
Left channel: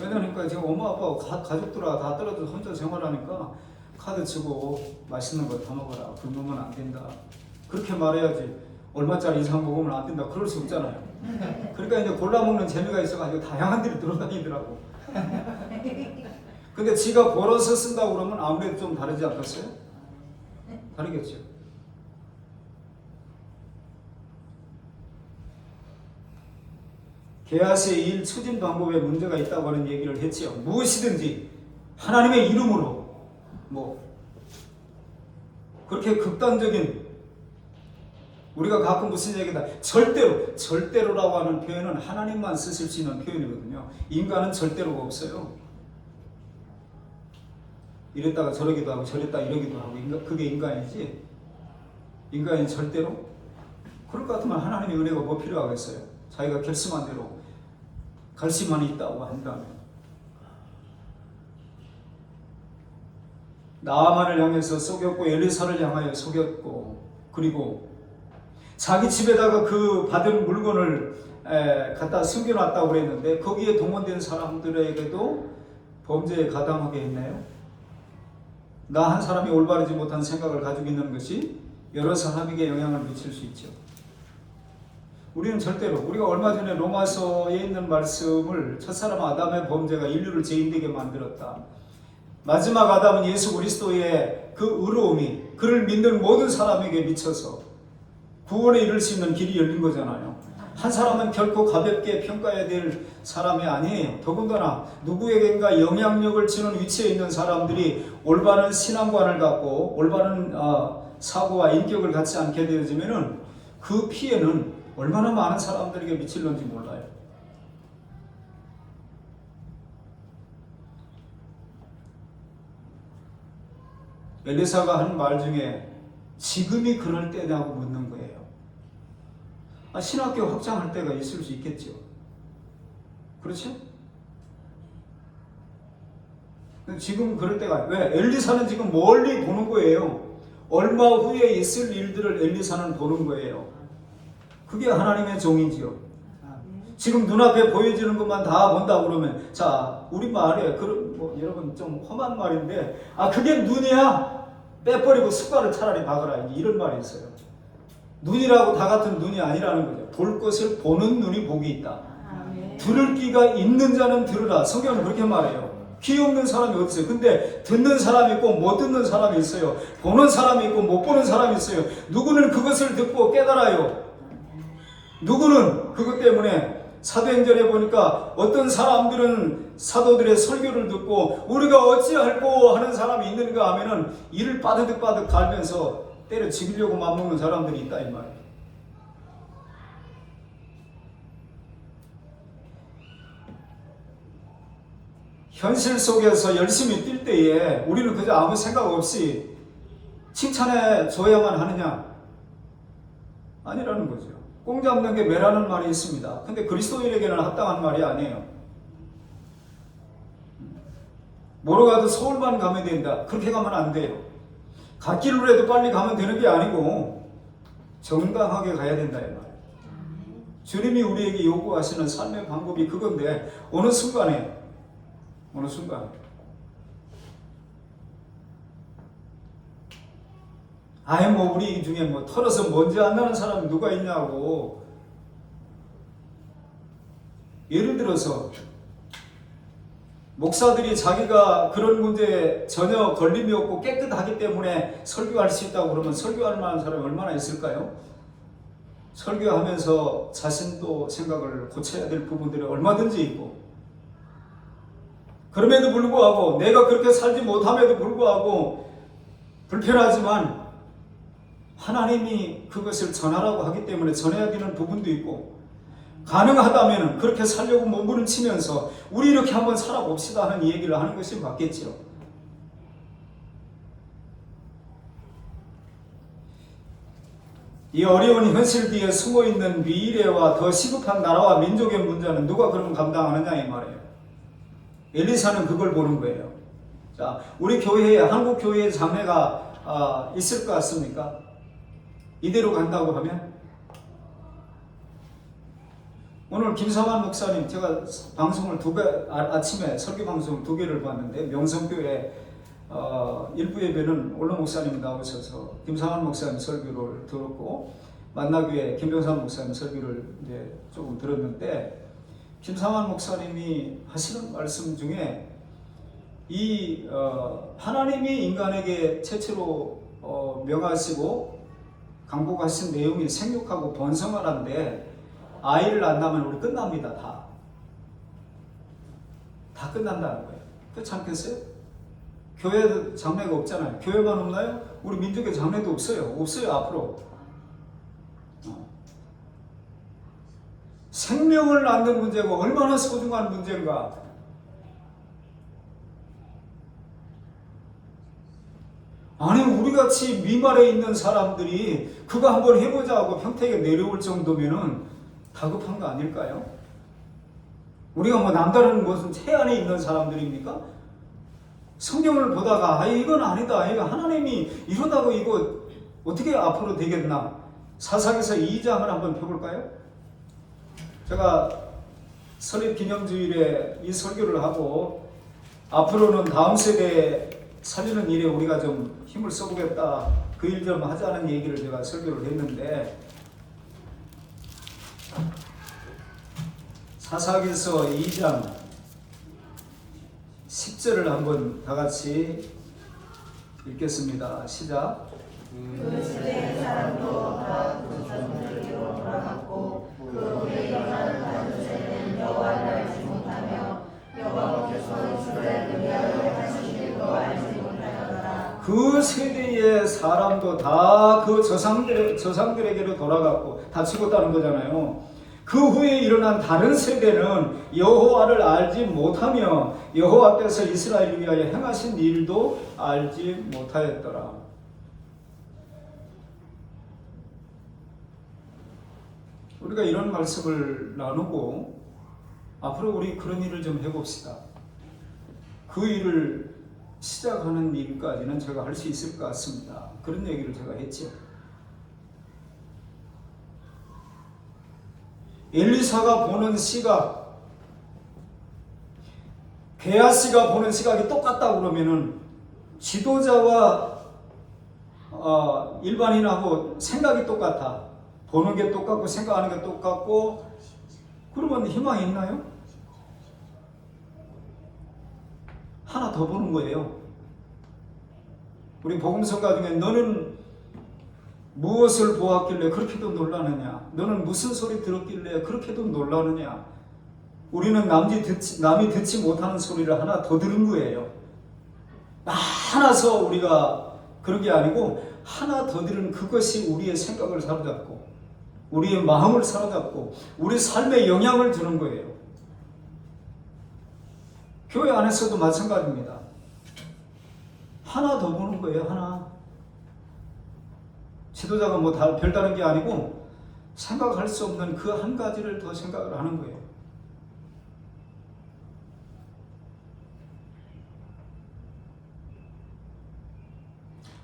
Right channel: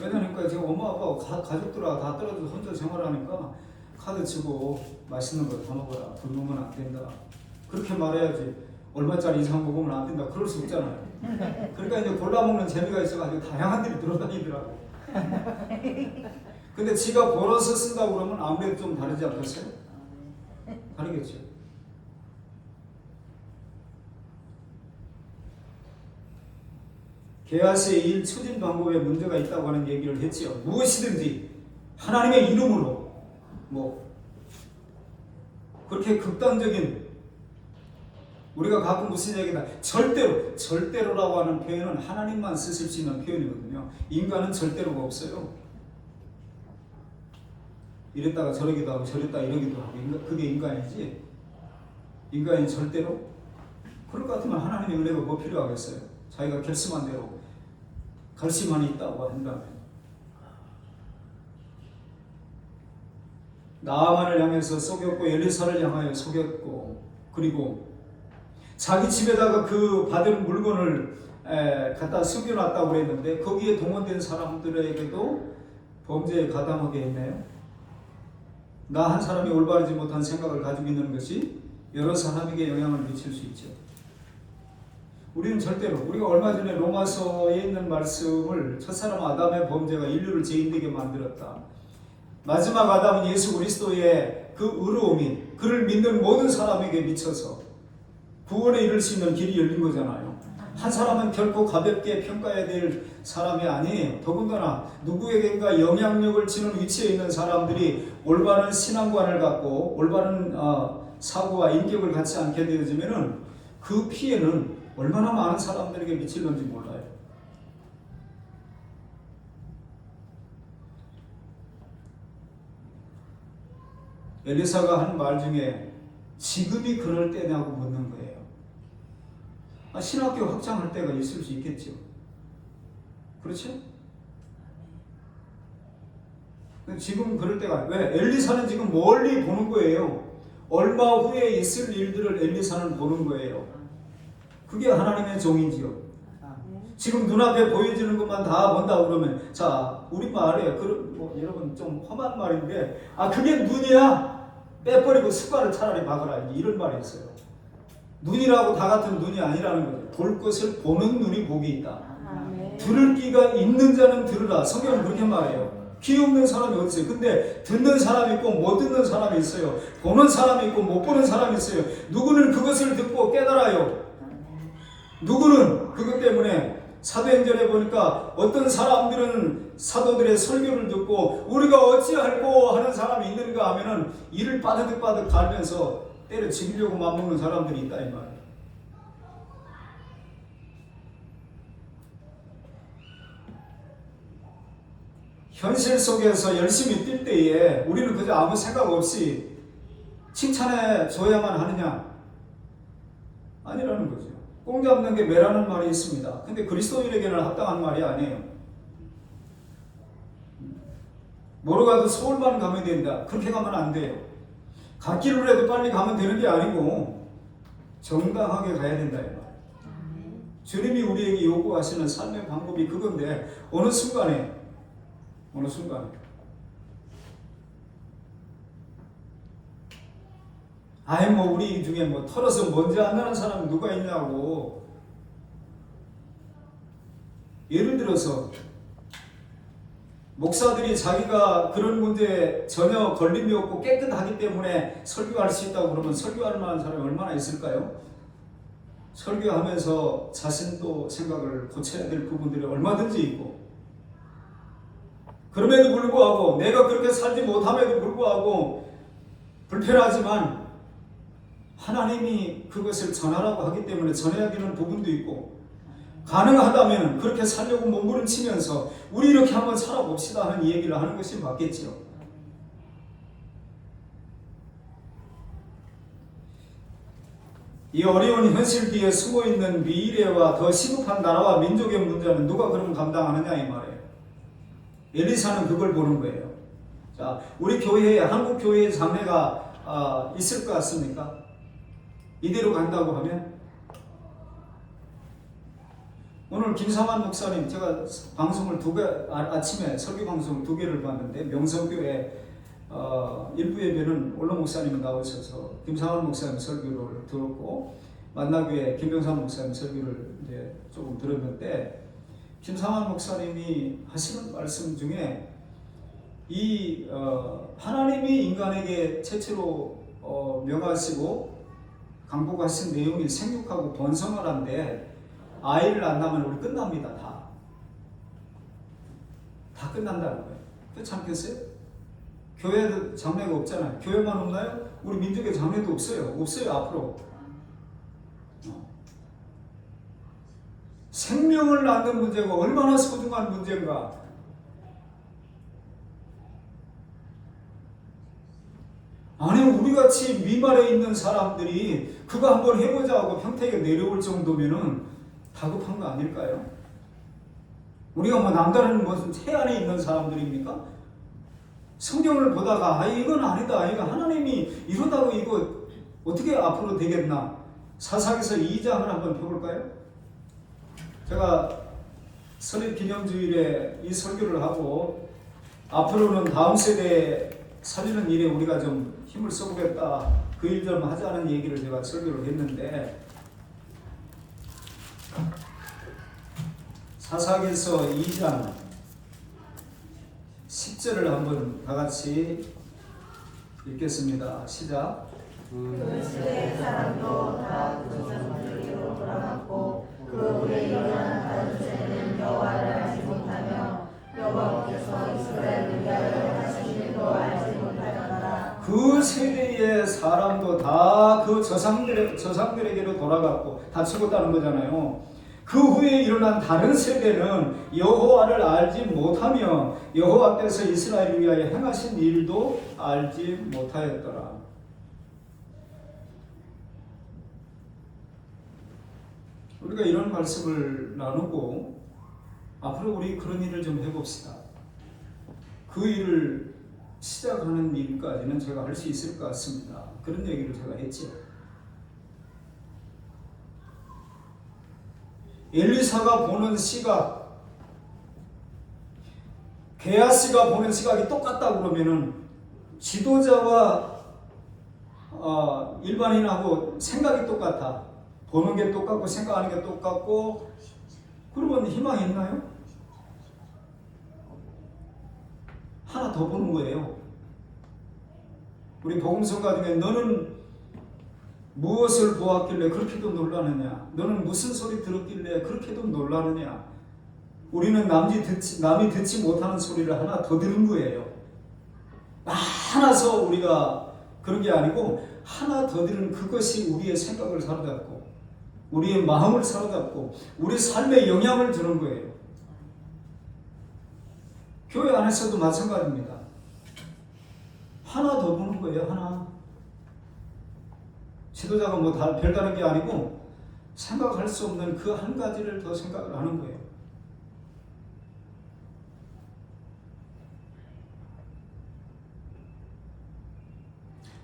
왜냐니까 지금 엄마 아빠하고 가족들하고 다 떨어져서 혼자 생활하니까 카드 치고 맛있는 거 다 먹어라. 굶으면 안 된다. 그렇게 말해야지. 얼마짜리 이상 먹으면 안 된다. 그럴 수 없잖아요. 그러니까 이제 골라 먹는 재미가 있어가지고 다양한 데를 돌아다니더라고. 근데 지가 벌어서 쓴다고 그러면 아무래도 좀 다르지 않겠어요? 다르겠죠. 게하시의 일 추진 방법에 문제가 있다고 하는 얘기를 했지요. 무엇이든지 하나님의 이름으로 뭐 그렇게 극단적인 우리가 가끔 무슨 얘기다 절대로라고 하는 표현은 하나님만 쓰실 수 있는 표현이거든요. 인간은 절대로가 없어요. 이랬다가 저러기도 하고 저랬다가 이러기도 하고 그게 인간이지. 인간이 절대로 그럴 것 같으면 하나님의 은혜가 뭐 필요하겠어요. 자기가 결심한 대로 갈 수만 있다고 한다면 나아만을 향해서 속였고 엘리사를 향하여 속였고 그리고 자기 집에다가 그 받은 물건을 갖다 숨겨놨다고 그랬는데 거기에 동원된 사람들에게도 범죄에 가담하게 했나요? 나 한 사람이 올바르지 못한 생각을 가지고 있는 것이 여러 사람에게 영향을 미칠 수 있죠. 우리는 절대로 우리가 얼마 전에 로마서에 있는 말씀을 첫사람 아담의 범죄가 인류를 죄인되게 만들었다. 마지막 아담은 예수 그리스도의 그 의로움이 그를 믿는 모든 사람에게 미쳐서 구원에 이를 수 있는 길이 열린 거잖아요. 한 사람은 결코 가볍게 평가해야 될 사람이 아니에요. 더군다나 누구에겐가 영향력을 주는 위치에 있는 사람들이 올바른 신앙관을 갖고 올바른 사고와 인격을 갖지 않게 되어지면은 그 피해는 얼마나 많은 사람들에게 미칠는지 몰라요. 엘리사가 한 말 중에 지금이 그럴 때냐고 묻는 거예요. 신학교 확장할 때가 있을 수 있겠죠. 그렇죠? 지금 그럴 때가, 왜? 엘리사는 지금 멀리 보는 거예요. 얼마 후에 있을 일들을 엘리사는 보는 거예요. 그게 하나님의 종이지요. 지금 눈앞에 보여지는 것만 다 본다 그러면, 자, 우리 말에 여러분 좀 험한 말인데, 그게 눈이야? 빼버리고 숟가락을 차라리 박아라, 이런 말이 있어요. 눈이라고 다 같은 눈이 아니라는 거죠. 볼 것을 보는 눈이 복이 있다. 들을 귀가 있는 자는 들으라. 성경은 그렇게 말해요. 귀 없는 사람이 없어요. 근데 듣는 사람이 있고 못 듣는 사람이 있어요. 보는 사람이 있고 못 보는 사람이 있어요. 누구는 그것을 듣고 깨달아요. 누구는 그것 때문에 사도행전에 보니까 어떤 사람들은 사도들의 설교를 듣고 우리가 어찌할꼬 하는 사람이 있는가 하면은 이를 빠득빠득 갈면서 때려 죽이려고 맘먹는 사람들이 있다 이 말이에요. 현실 속에서 열심히 뛸 때에 우리는 그저 아무 생각 없이 칭찬해 줘야만 하느냐? 아니라는 거죠. 꽁 잡는 게 매라는 말이 있습니다. 근데 그리스도인에게는 합당한 말이 아니에요. 뭐로 가도 서울만 가면 된다. 그렇게 가면 안 돼요. 갓길로 해도 빨리 가면 되는 게 아니고 정당하게 가야 된다 이 말이에요. 주님이 우리에게 요구하시는 삶의 방법이 그건데 어느 순간에 우리 중에 털어서 먼지 안 나는 사람이 누가 있냐고. 예를 들어서 목사들이 자기가 그런 문제에 전혀 걸림이 없고 깨끗하기 때문에 설교할 수 있다고 그러면 설교할 만한 사람이 얼마나 있을까요? 설교하면서 자신도 생각을 고쳐야 될 부분들이 얼마든지 있고, 그럼에도 불구하고 내가 그렇게 살지 못함에도 불구하고 불편하지만 하나님이 그것을 전하라고 하기 때문에 전해야 되는 부분도 있고, 가능하다면 그렇게 살려고 몸부림치면서 우리 이렇게 한번 살아봅시다 하는 얘기를 하는 것이 맞겠지요. 이 어려운 현실 뒤에 숨어있는 미래와 더 시급한 나라와 민족의 문제는 누가 그럼 감당하느냐 이 말이에요. 엘리사는 그걸 보는 거예요. 자, 우리 교회에, 한국 교회에 장래가 있을 것 같습니까? 이대로 간다고 하면? 오늘 김사만 목사님, 제가 방송을 아침에 설교 방송 2개를 봤는데, 명성교회 일부 예배는 올로 목사님 나오셔서 김사만 목사님 설교를 들었고, 만나교회 김병삼 목사님 설교를 이제 조금 들었는데, 김사만 목사님이 하시는 말씀 중에 하나님이 인간에게 최초로 명하시고 강복하신 내용이 생육하고 번성하라는데, 아이를 안 낳으면 우리 끝납니다. 다 끝난다는 거예요. 그렇지 않겠어요? 교회도 장래가 없잖아요. 교회만 없나요? 우리 민족의 장래도 없어요 앞으로. 생명을 낳는 문제가 얼마나 소중한 문제인가. 아니, 우리같이 위말에 있는 사람들이 그거 한번 해보자 하고 평택에 내려올 정도면은 다급한 거 아닐까요? 우리가 남다른 무슨 해안에 있는 사람들입니까? 성경을 보다가 이건 아니다, 이거 하나님이 이러다고 이거 어떻게 앞으로 되겠나? 사사기서 2장을 한번 펴볼까요? 제가 설립 기념주일에 이 설교를 하고 앞으로는 다음 세대에 살리는 일에 우리가 좀 힘을 써보겠다, 그 일 좀 하자는 얘기를 제가 설교를 했는데, 사사기서 2장 10절을 한번 다 같이 읽겠습니다. 시작. 그 시대의 사람도 다 그 전들기로 돌아갔고 그 후에 일어난 다른 세대는 여호와를 알지 못하며 여호와께서 이스라엘을 위하여 하신 일도 알지 못하였더라. 그 세대의 사람도 다 그 조상들에게로 돌아갔고 다 죽었다는 거잖아요. 그 후에 일어난 다른 세대는 여호와를 알지 못하며 여호와께서 이스라엘을 위하여 행하신 일도 알지 못하였더라. 우리가 이런 말씀을 나누고 앞으로 우리 그런 일을 좀 해봅시다. 그 일을 시작하는 일까지는 제가 할 수 있을 것 같습니다. 그런 얘기를 제가 했죠. 엘리사가 보는 시각, 게하시가 보는 시각이 똑같다고 그러면은 지도자와 일반인하고 생각이 똑같아. 보는 게 똑같고 생각하는 게 똑같고 그러면 희망이 있나요? 하나 더 보는 거예요. 우리 복음서가 중에 너는 무엇을 보았길래 그렇게도 놀라느냐? 너는 무슨 소리 들었길래 그렇게도 놀라느냐? 우리는 남이 듣지 못하는 소리를 하나 더 들은 거예요. 많아서 우리가 그런 게 아니고 하나 더 들은 그것이 우리의 생각을 사로잡고 우리의 마음을 사로잡고 우리 삶에 영향을 주는 거예요. 교회 안에서도 마찬가지입니다. 하나 더 보는 거예요. 하나. 지도자가 뭐 별다른 게 아니고 생각할 수 없는 그 한 가지를 더 생각을 하는 거예요.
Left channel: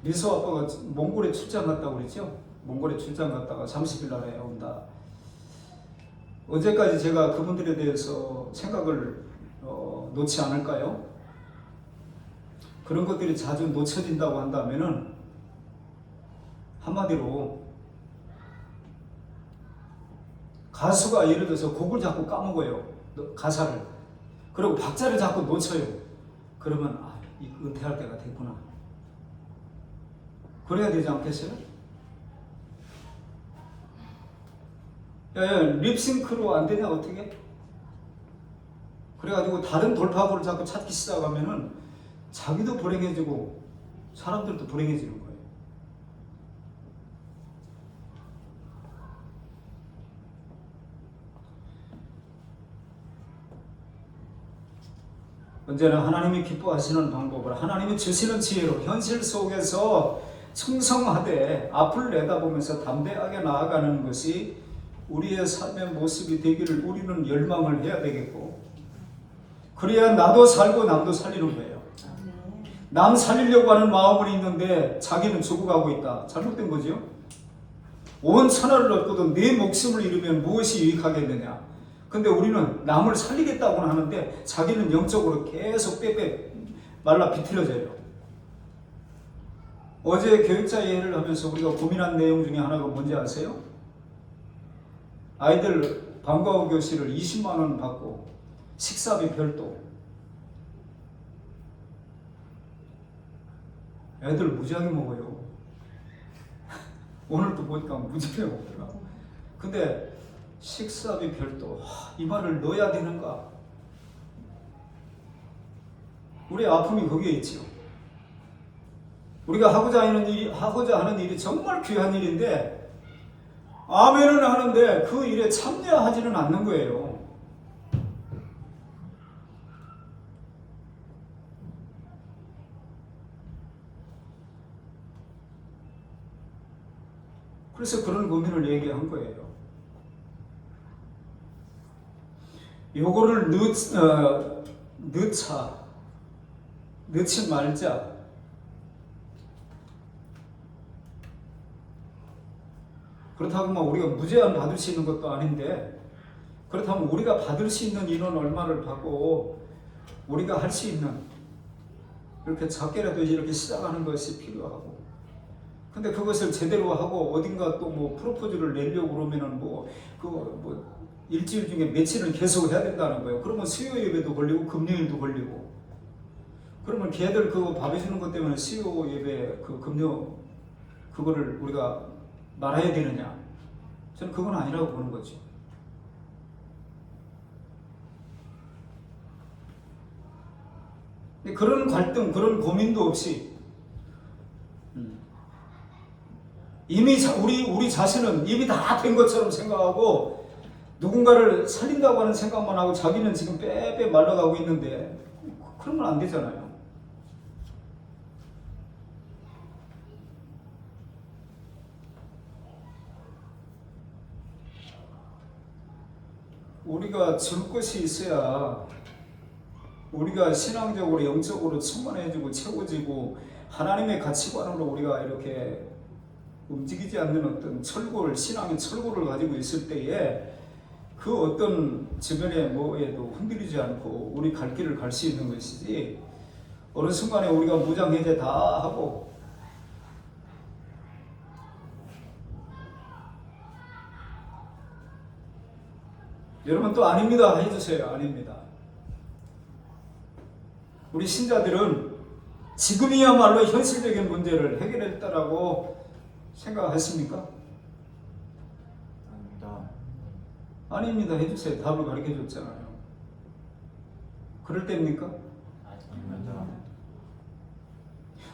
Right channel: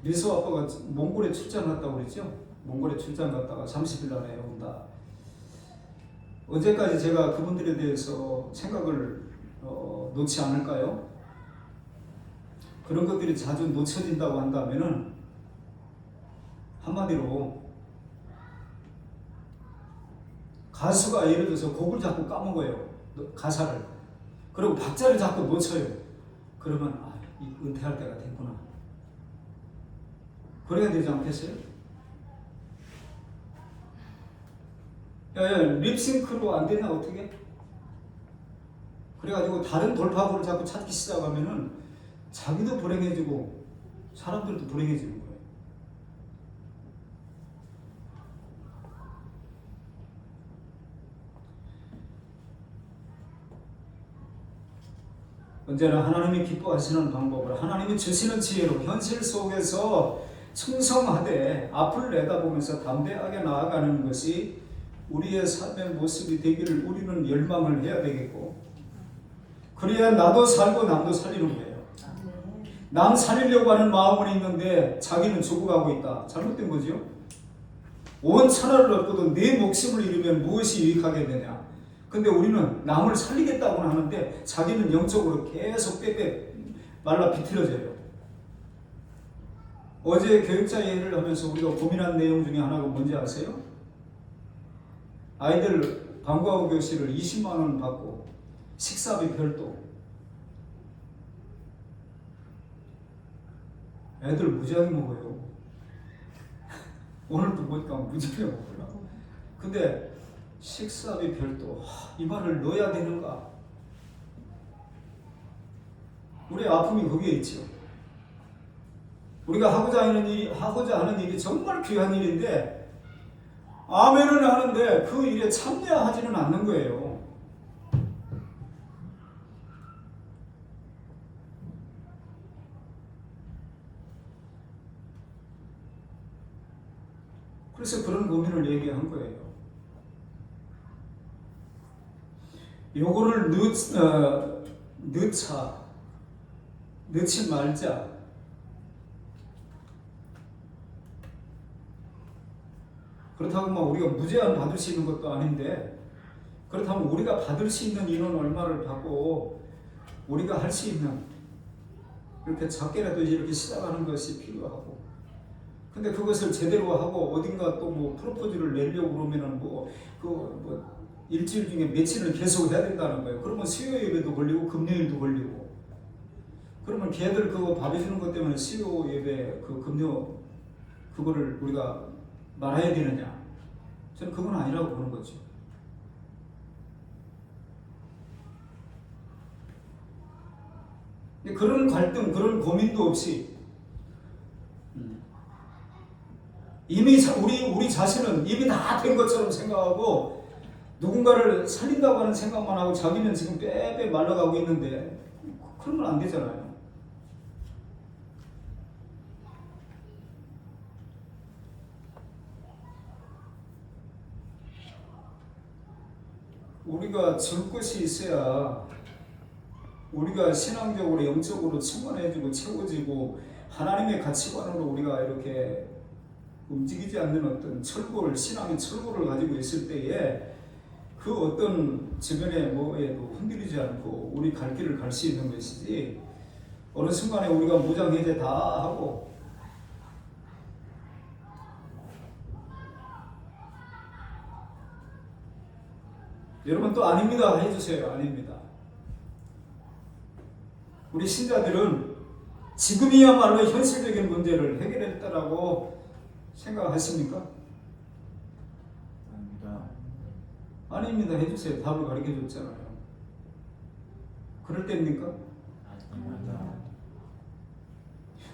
미소 아빠가 몽골에 출장 갔다고 그랬죠? 몽골에 출장 갔다가 30일 날에 온다. 언제까지 제가 그분들에 대해서 생각을 놓지 않을까요? 그런 것들이 자주 놓쳐진다고 한다면은 한마디로 가수가 예를 들어서 곡을 자꾸 까먹어요. 가사를. 그리고 박자를 자꾸 놓쳐요. 그러면 은퇴할 때가 됐구나. 그래야 되지 않겠어요? 야, 립싱크로 안 되냐 어떻게? 그래가지고 다른 돌파구를 자꾸 찾기 시작하면은 자기도 불행해지고 사람들도 불행해지는 거예요. 언제나 하나님이 기뻐하시는 방법을 하나님이 주시는 지혜로 현실 속에서 충성하되 앞을 내다보면서 담대하게 나아가는 것이 우리의 삶의 모습이 되기를 우리는 열망을 해야 되겠고 그래야 나도 살고 남도 살리는 거예요. 남 살리려고 하는 마음은 있는데 자기는 죽어가고 있다. 잘못된 거죠. 온 천하를 얻고도 내 목숨을 잃으면 무엇이 유익하게 되냐. 근데 우리는 남을 살리겠다고는 하는데 자기는 영적으로 계속 빼빼 말라 비틀어져요. 어제 교육자 예를 하면서 우리가 고민한 내용 중에 하나가 뭔지 아세요? 아이들 방과후 교실을 20만 원 받고 식사비 별도. 애들 무지하게 먹어요. 오늘도 보니까 무지하게 먹더라. 근데 식사비 별도. 이 말을 넣어야 되는가? 우리 아픔이 거기에 있죠. 우리가 하고자 하는 일이 정말 귀한 일인데 아멘은 하는데 그 일에 참여하지는 않는 거예요. 그래서 그런 고민을 얘기한 거예요. 요거를 넣지 말자. 그렇다고 뭐 우리가 무제한 받을 수 있는 것도 아닌데 그렇다면 우리가 받을 수 있는 인원 얼마를 받고 우리가 할 수 있는 이렇게 작게라도 이렇게 시작하는 것이 필요하고 근데 그것을 제대로 하고 어딘가 또 뭐 프로포즈를 내려고 그러면은 일주일 중에 며칠을 계속 해야 된다는 거예요. 그러면 수요 예배도 걸리고 금요일도 걸리고 그러면 걔들 그거 밥 해주는 것 때문에 수요 예배 그 금요 그거를 우리가 말아야 되느냐? 저는 그건 아니라고 보는 거죠. 근데 그런 갈등, 그런 고민도 없이 이미 우리 자신은 입이 다 된 것처럼 생각하고 누군가를 살린다고 하는 생각만 하고 자기는 지금 빼빼 말라가고 있는데 그러면 안 되잖아요. 우리가 줄 것이 있어야 우리가 신앙적으로 영적으로 충만해지고 채워지고 하나님의 가치관으로 우리가 이렇게 움직이지 않는 어떤 철골, 신앙의 철골을 가지고 있을 때에 그 어떤 주변의 뭐에도 흔들리지 않고 우리 갈 길을 갈 수 있는 것이지, 어느 순간에 우리가 무장해제 다 하고 여러분 또 아닙니다 해주세요. 아닙니다. 우리 신자들은 지금이야말로 현실적인 문제를 해결했다라고 생각하십니까? 아닙니다. 아닙니다 해주세요. 답을 가르쳐 줬잖아요. 그럴 때입니까? 아닙니다.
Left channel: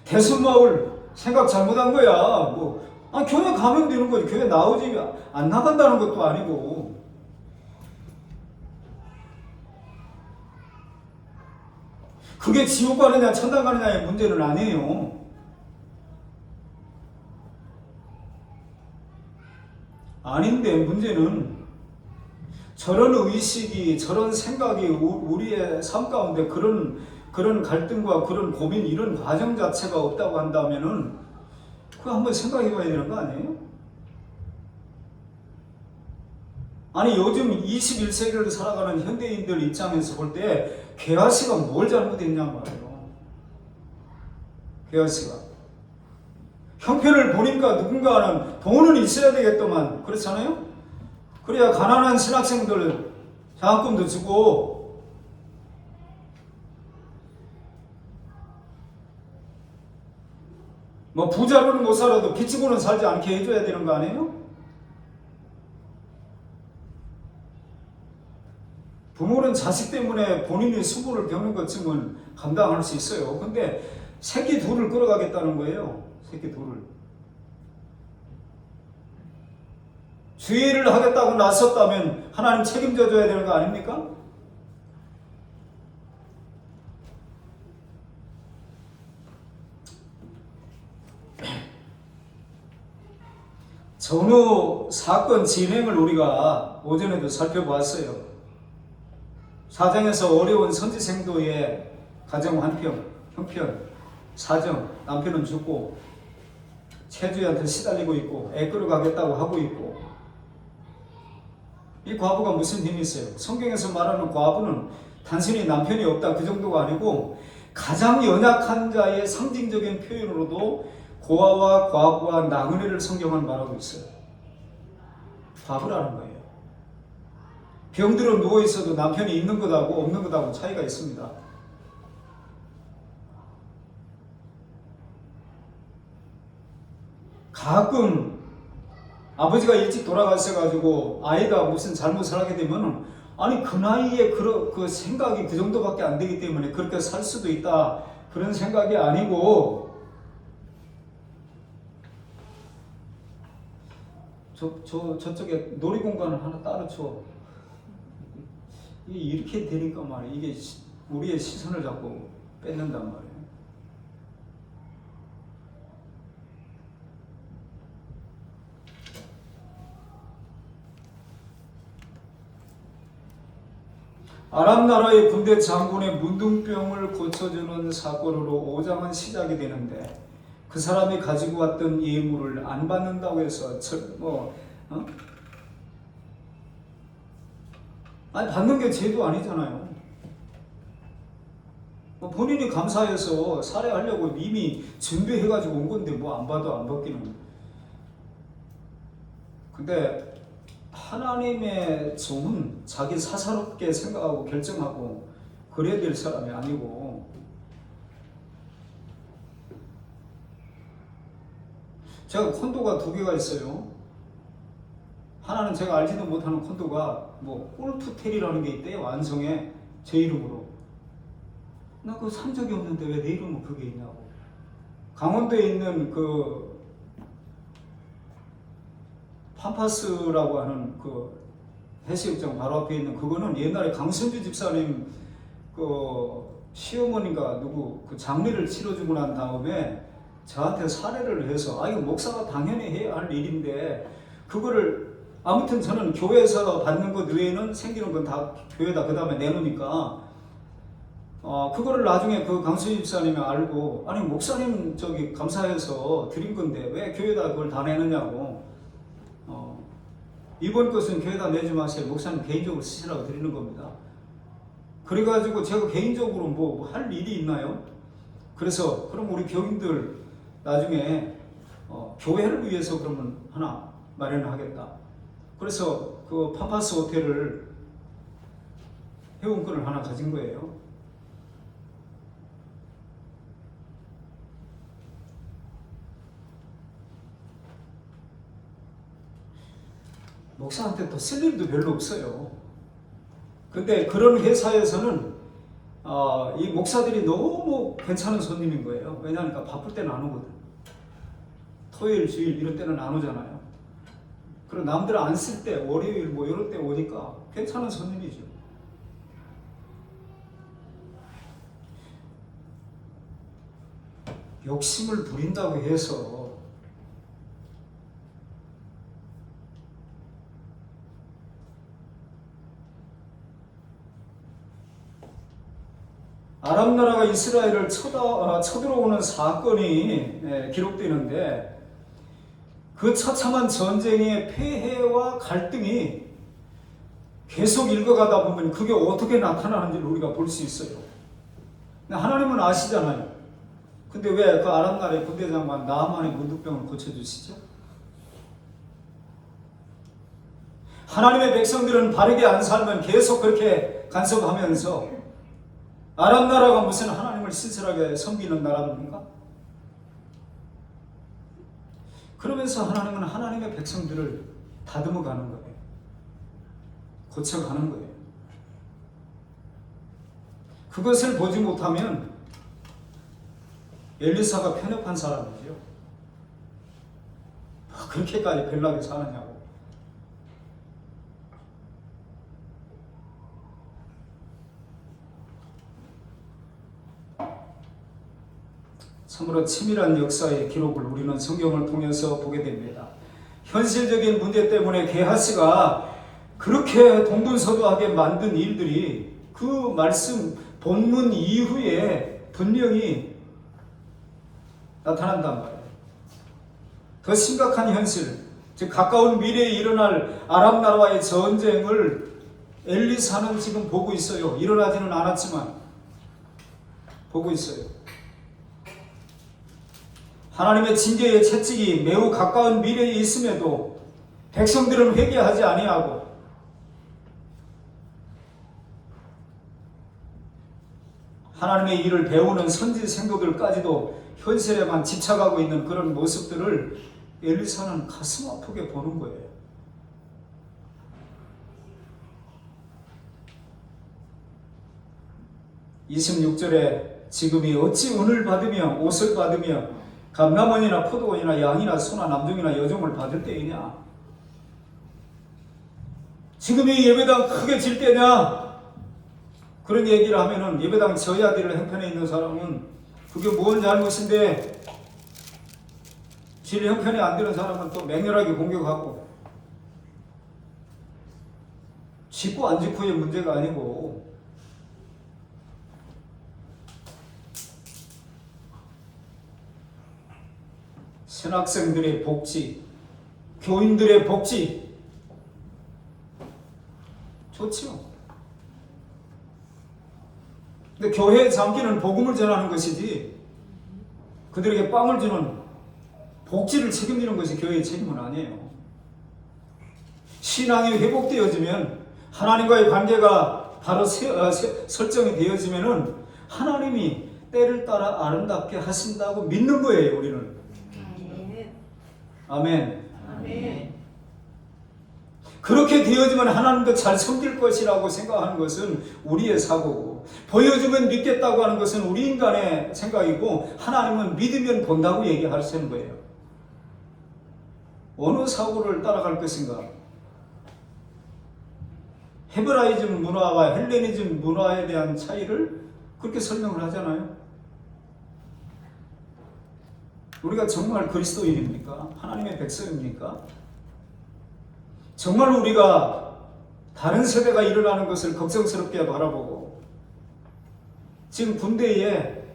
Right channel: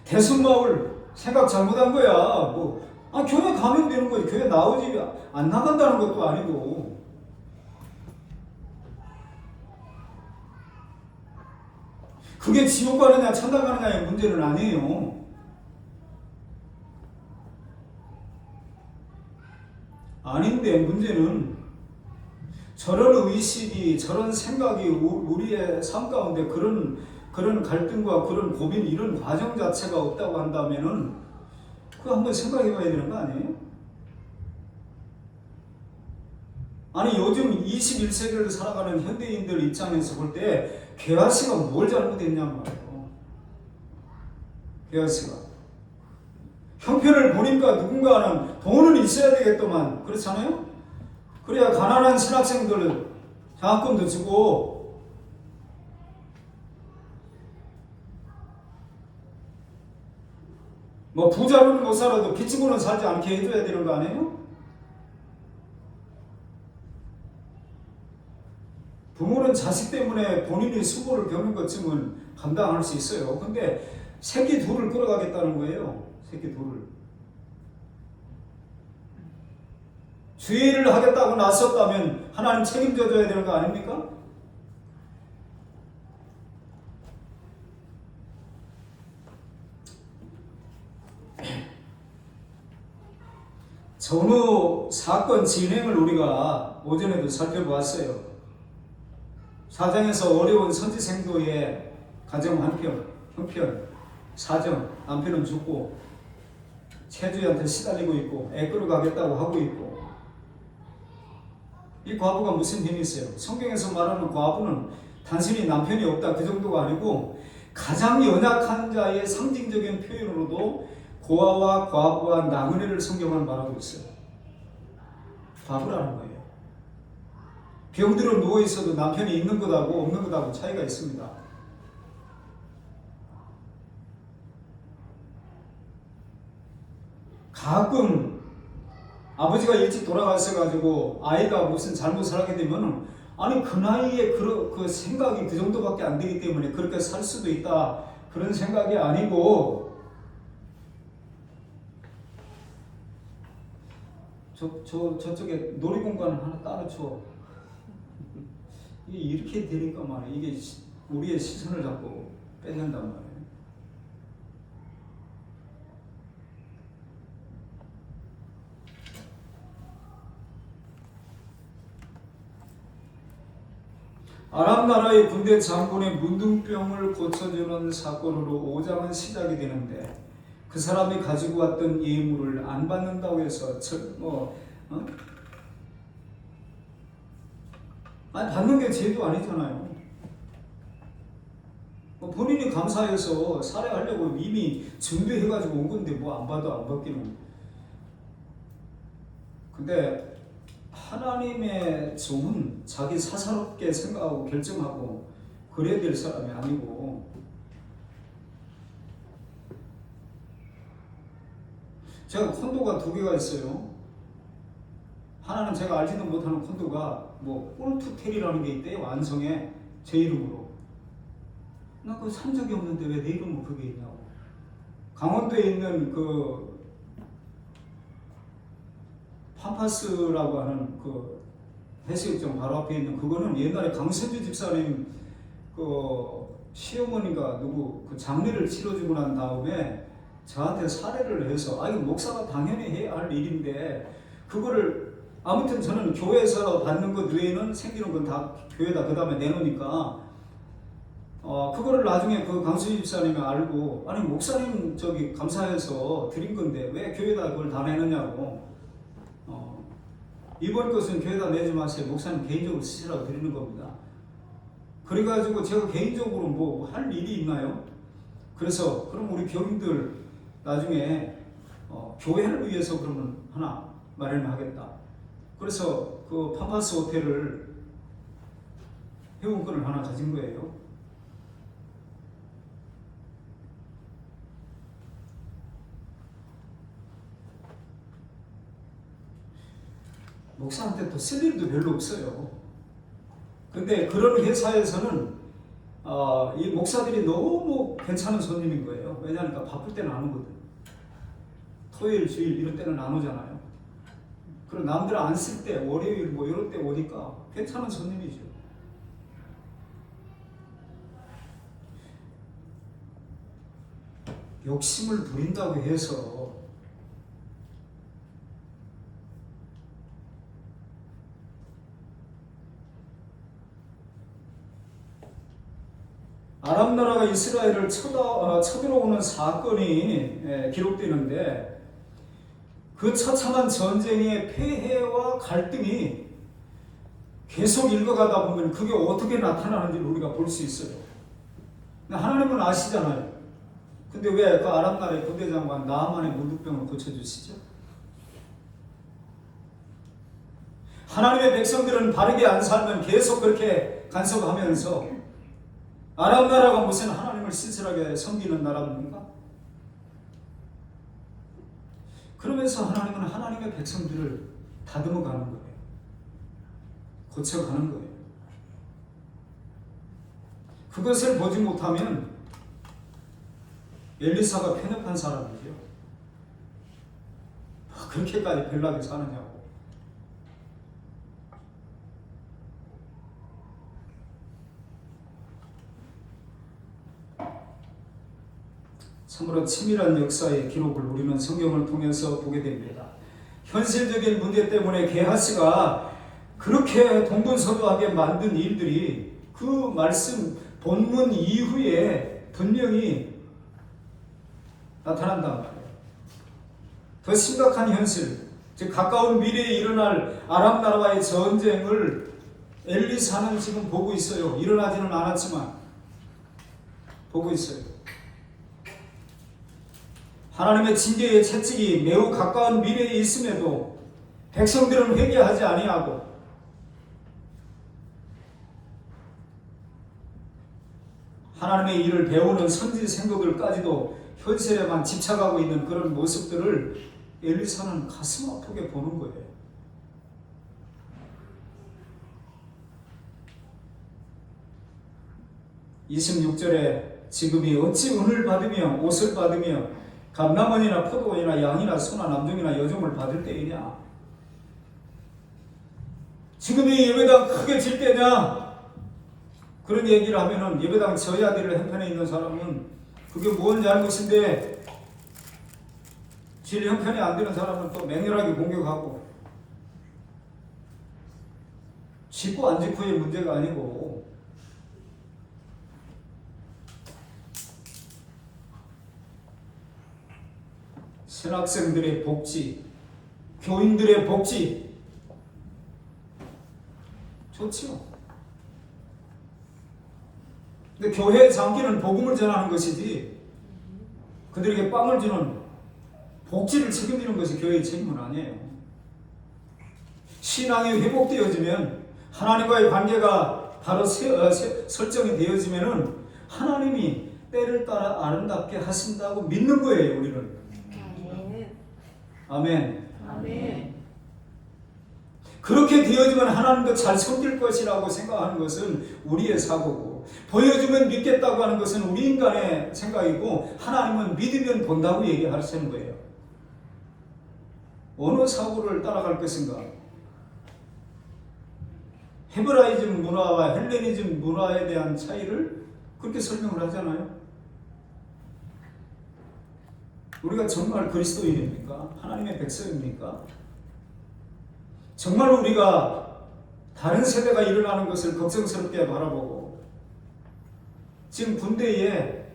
대순마을 생각 잘못한 거야. 교회 가면 되는 거지. 교회 나오지 안 나간다는 것도 아니고. 그게 지옥 가느냐 천당 가느냐의 문제는 아니에요. 아닌데 문제는 저런 의식이, 저런 생각이 우리의 삶 가운데 그런 갈등과 그런 고민, 이런 과정 자체가 없다고 한다면은 그거 한번 생각해 봐야 되는 거 아니에요? 아니 요즘 21세기를 살아가는 현대인들 입장에서 볼 때 개화씨가 뭘 잘못했냔 말이에요. 개화씨가 형편을 보니까 누군가는 돈은 있어야 되겠더만, 그렇잖아요? 그래야 가난한 신학생들을 장학금도 주고 부자로는 못 살아도 빚지고는 살지 않게 해줘야 되는 거 아니에요? 부모는 자식 때문에 본인의 수고를 겪는 것쯤은 감당할 수 있어요. 근데 새끼 둘을 끌어가겠다는 거예요. 새끼 둘을. 주의를 하겠다고 나섰다면 하나님 책임져 줘야 되는 거 아닙니까? 전후 사건 진행을 우리가 오전에도 살펴보았어요. 사정에서 어려운 선지생도의 가정 형편, 사정, 남편은 죽고 체주한테 시달리고 있고 애 끌어가겠다고 하고 있고, 이 과부가 무슨 힘이 있어요? 성경에서 말하는 과부는 단순히 남편이 없다 그 정도가 아니고 가장 연약한 자의 상징적인 표현으로도 고아와 과부와 나그네를 성경은 말하고 있어요. 과부라는 거예요. 병들어 누워있어도 남편이 있는 것하고 없는 것하고 차이가 있습니다. 가끔 아버지가 일찍 돌아가셔가지고 아이가 무슨 잘못을 하게 되면 아니 그 나이에 그 생각이 그 정도밖에 안 되기 때문에 그렇게 살 수도 있다, 그런 생각이 아니고 저쪽에 놀이공간을 하나 따로 줘. 이렇게 되니까 말이야. 이게 우리의 시선을 자꾸 뺏는단 말이에요. 아람 나라의 군대 장군의 문둥병을 고쳐주는 사건으로 5장은 시작이 되는데, 그 사람이 가지고 왔던 예물을 안 받는다고 해서 아니 받는 게 죄도 아니잖아요. 본인이 감사해서 살해하려고 이미 준비해가지고 온 건데 안 봐도 안 받기는. 근데 하나님의 종은 자기 사사롭게 생각하고 결정하고 그래야 될 사람이 아니고, 제가 콘도가 2개가 있어요. 하나는 제가 알지도 못하는 콘도가 꿀투텔이라는 게 있대요. 완성에 제 이름으로. 나 그거 산 적이 없는데 왜 내 이름은 그게 있냐고. 강원도에 있는 그 팜파스라고 하는 그 해수욕장 바로 앞에 있는 그거는 옛날에 강선주 집사님 그 시어머니가 누구 그 장례를 치러주고 난 다음에 저한테 사례를 해서 이거 목사가 당연히 해야 할 일인데 그거를 아무튼 저는 교회에서 받는 것 외에는 생기는 건 다 교회다 그 다음에 내놓으니까 그거를 나중에 그 강수진 집사님이 알고 아니 목사님 저기 감사해서 드린 건데 왜 교회에다 그걸 다 내느냐고 이번 것은 교회에다 내지 마세요. 목사님 개인적으로 쓰시라고 드리는 겁니다. 그래가지고 제가 개인적으로 뭐 할 일이 있나요? 그래서 그럼 우리 교인들 나중에 교회를 위해서 그러면 하나 마련하겠다. 그래서 그 팜파스 호텔을 회원권을 하나 가진 거예요. 목사한테 또 쓸 일도 별로 없어요. 근데 그런 회사에서는 이 목사들이 너무 괜찮은 손님인 거예요. 왜냐하니까 바쁠 때는 안 오거든. 토요일, 주일 이런 때는 안 오잖아요. 그리고 남들 안 쓸 때 월요일 뭐 이럴 때 오니까 괜찮은 손님이죠. 욕심을 부린다고 해서 아랍 나라가 이스라엘을 쳐들어오는 사건이 기록되는데 그 처참한 전쟁의 폐해와 갈등이 계속 읽어가다 보면 그게 어떻게 나타나는지를 우리가 볼 수 있어요. 하나님은 아시잖아요. 근데 왜 그 아랍 나라의 부대장관 나아만의 문득병을 고쳐주시죠? 하나님의 백성들은 바르게 안 살면 계속 그렇게 간섭하면서 아랍 나라가 무슨 하나님을 신실하게 섬기는 나라입니까? 그러면서 하나님은 하나님의 백성들을 다듬어 가는 거예요. 고쳐가는 거예요. 그것을 보지 못하면 엘리사가 편협한 사람이죠. 그렇게까지 별나게 사느냐고. 참으로 치밀한 역사의 기록을 우리는 성경을 통해서 보게 됩니다. 현실적인 문제 때문에 게하스가 그렇게 동분서두하게 만든 일들이 그 말씀 본문 이후에 분명히 나타난단 말이에요. 더 심각한 현실, 즉 가까운 미래에 일어날 아랍 나라와의 전쟁을 엘리사는 지금 보고 있어요. 일어나지는 않았지만 보고 있어요. 하나님의 징계의 채찍이 매우 가까운 미래에 있음에도 백성들은 회개하지 아니하고 하나님의 일을 배우는 선지 생도들까지도 현실에만 집착하고 있는 그런 모습들을 엘리사는 가슴 아프게 보는 거예요. (26절에) 지금이 어찌 은을 받으며 옷을 받으며 감람원이나 포도원이나 양이나 소나 남종이나 여종을 받을 때이냐? 지금이 예배당 크게 질 때냐? 그런 얘기를 하면은 예배당 저야 될 형편에 있는 사람은 그게 뭔 잘못인데 질 형편이 안 되는 사람은 또 맹렬하게 공격하고 짓고 안 짓고의 문제가 아니고 신학생들의 복지, 교인들의 복지 좋죠. 근데 교회의 장기는 복음을 전하는 것이지 그들에게 빵을 주는 복지를 책임지는 것이 교회의 책임은 아니에요. 신앙이 회복되어지면 하나님과의 관계가 바로 설정이 되어지면은 하나님이 때를 따라 아름답게 하신다고 믿는 거예요. 우리는. 아멘. 아멘. 그렇게 되어지면 하나님도 잘 섬길 것이라고 생각하는 것은 우리의 사고고 보여주면 믿겠다고 하는 것은 우리 인간의 생각이고 하나님은 믿으면 본다고 얘기하시는 거예요. 어느 사고를 따라갈 것인가? 헤브라이즘 문화와 헬레니즘 문화에 대한 차이를 그렇게 설명을 하잖아요. 우리가 정말 그리스도인입니까? 하나님의 백성입니까? 정말 우리가 다른 세대가 일어나는 것을 걱정스럽게 바라보고 지금 군대에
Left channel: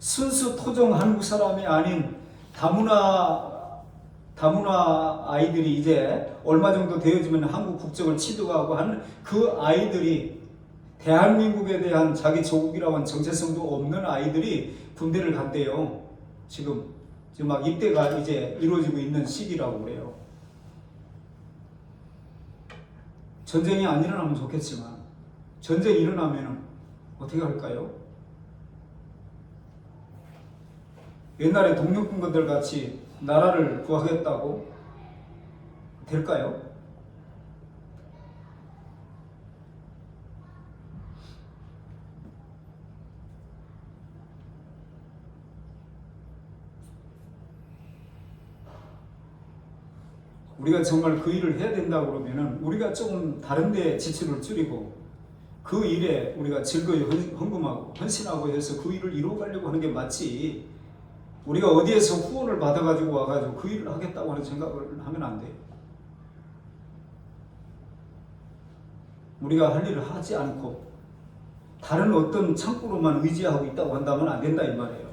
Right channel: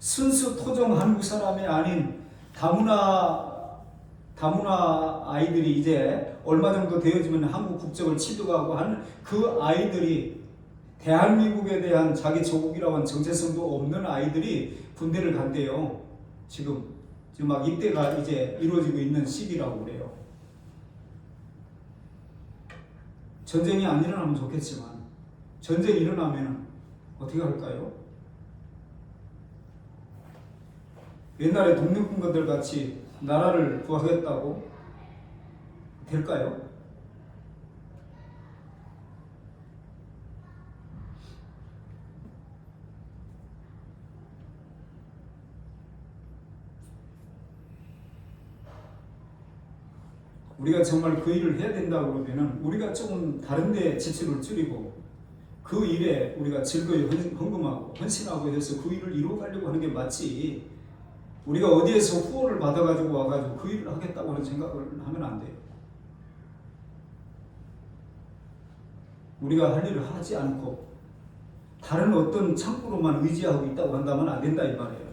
순수 토종 한국 사람이 아닌 다문화 아이들이 이제 얼마 정도 되어지면 한국 국적을 취득하고 하는 그 아이들이 대한민국에 대한 자기 조국이라고 하는 정체성도 없는 아이들이 군대를 간대요. 지금 막 입대가 이제 이루어지고 있는 시기라고 그래요. 전쟁이 안 일어나면 좋겠지만 전쟁이 일어나면 어떻게 할까요? 옛날에 독립군들 같이 나라를 구하겠다고 될까요? 우리가 정말 그 일을 해야 된다고 그러면은 우리가 조금 다른 데 지출을 줄이고 그 일에 우리가 즐거이 헌금하고 헌신하고 해서 그 일을 이루어가려고 하는 게 맞지, 우리가 어디에서 후원을 받아가지고 와가지고 그 일을 하겠다고 하는 생각을 하면 안 돼요. 우리가 할 일을 하지 않고 다른 어떤 창구로만 의지하고 있다고 한다면 안 된다 이 말이에요.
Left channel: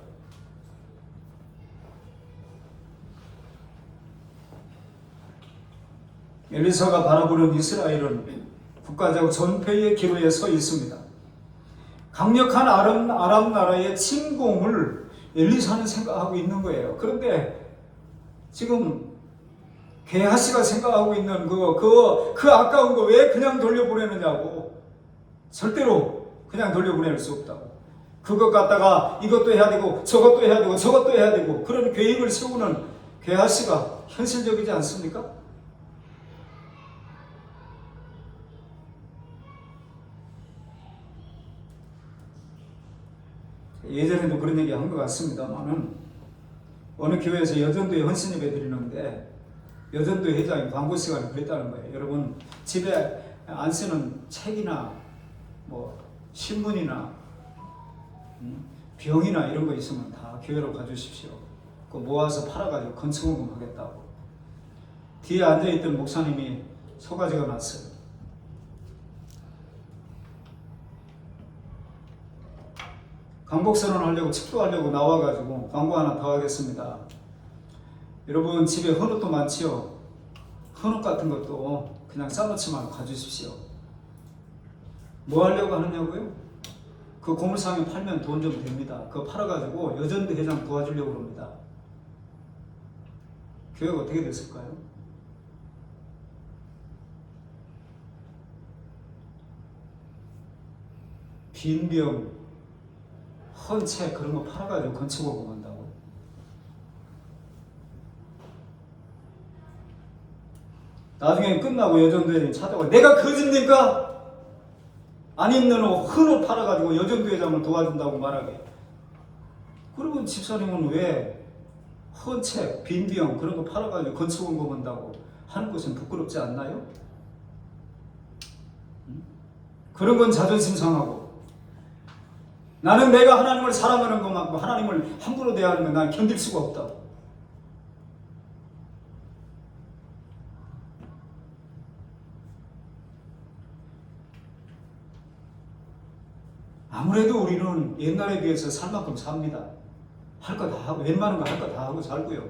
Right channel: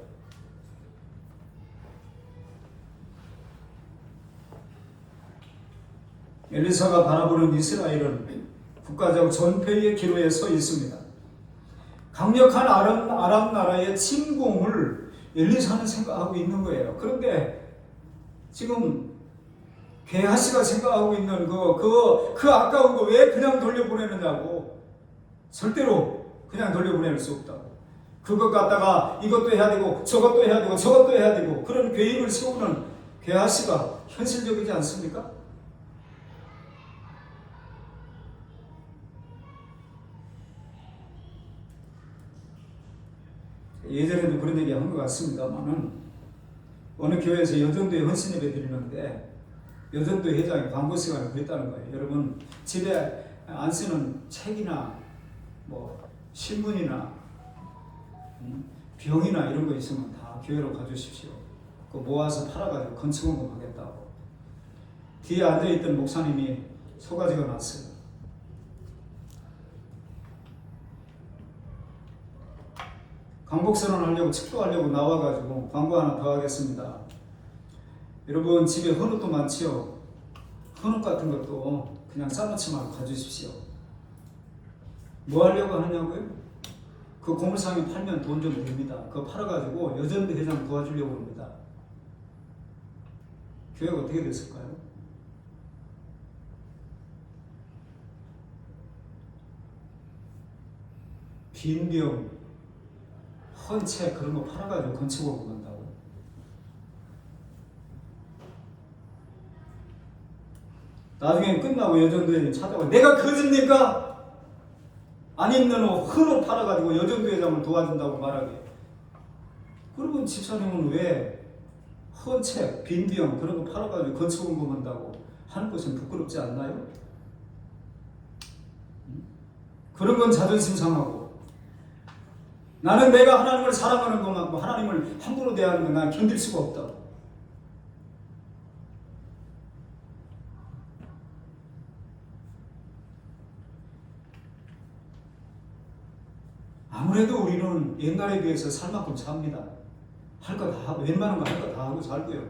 엘리사가 바라보는 이스라엘은 국가적 전폐의 기로에 서 있습니다. 강력한 아람 나라의 침공을 엘리사는 생각하고 있는 거예요. 그런데 지금 게하시가 생각하고 있는 그 아까운 거 왜 그냥 돌려보내느냐고. 절대로 그냥 돌려보낼 수 없다고. 그것 갖다가 이것도 해야 되고 저것도 해야 되고 저것도 해야 되고 그런 계획을 세우는 게하시가 현실적이지 않습니까? 예전에도 그런 얘기 한 것 같습니다만은 어느 교회에서 여전도에 헌신 예배 드리는데 여전도 회장이 광고 시간에 그랬다는 거예요. 여러분 집에 안 쓰는 책이나 뭐 신문이나 병이나 이런 거 있으면 다 교회로 가주십시오. 그 모아서 팔아가지고 건축원금 하겠다고. 뒤에 앉아있던 목사님이 소가지가 났어요. 강복선언 하려고 축도하려고 나와가지고 광고 하나 더 하겠습니다. 여러분 집에 헌옷도 많지요. 헌옷 같은 것도 그냥 싸놓지 말고 가주십시오. 뭐 하려고 하느냐고요? 그 고물상에 팔면 돈 좀 됩니다. 그거 팔아가지고 여전도 회장 도와주려고 합니다. 교회가 어떻게 됐을까요? 빈병 헌책 그런 거 팔아가지고 건축을 본다고. 나중에 끝나고 여전도회장이 찾아와 내가 거짓입니까? 안 입는 옷 헌옷 팔아가지고 여전도회장을 도와준다고 말하게. 그러면 집사님은 왜 헌책, 빈병 그런 거 팔아가지고 건축원금 한다고 하는 것은 부끄럽지 않나요? 그런 건 자존심 상하고 나는 내가 하나님을 사랑하는 것만큼 하나님을 함부로 대하는 건 난 견딜 수가 없다고. 아무래도 우리는 옛날에 비해서 살 만큼 삽니다. 할 거 다 하고 웬만한 거 할 거 다 하고 살고요.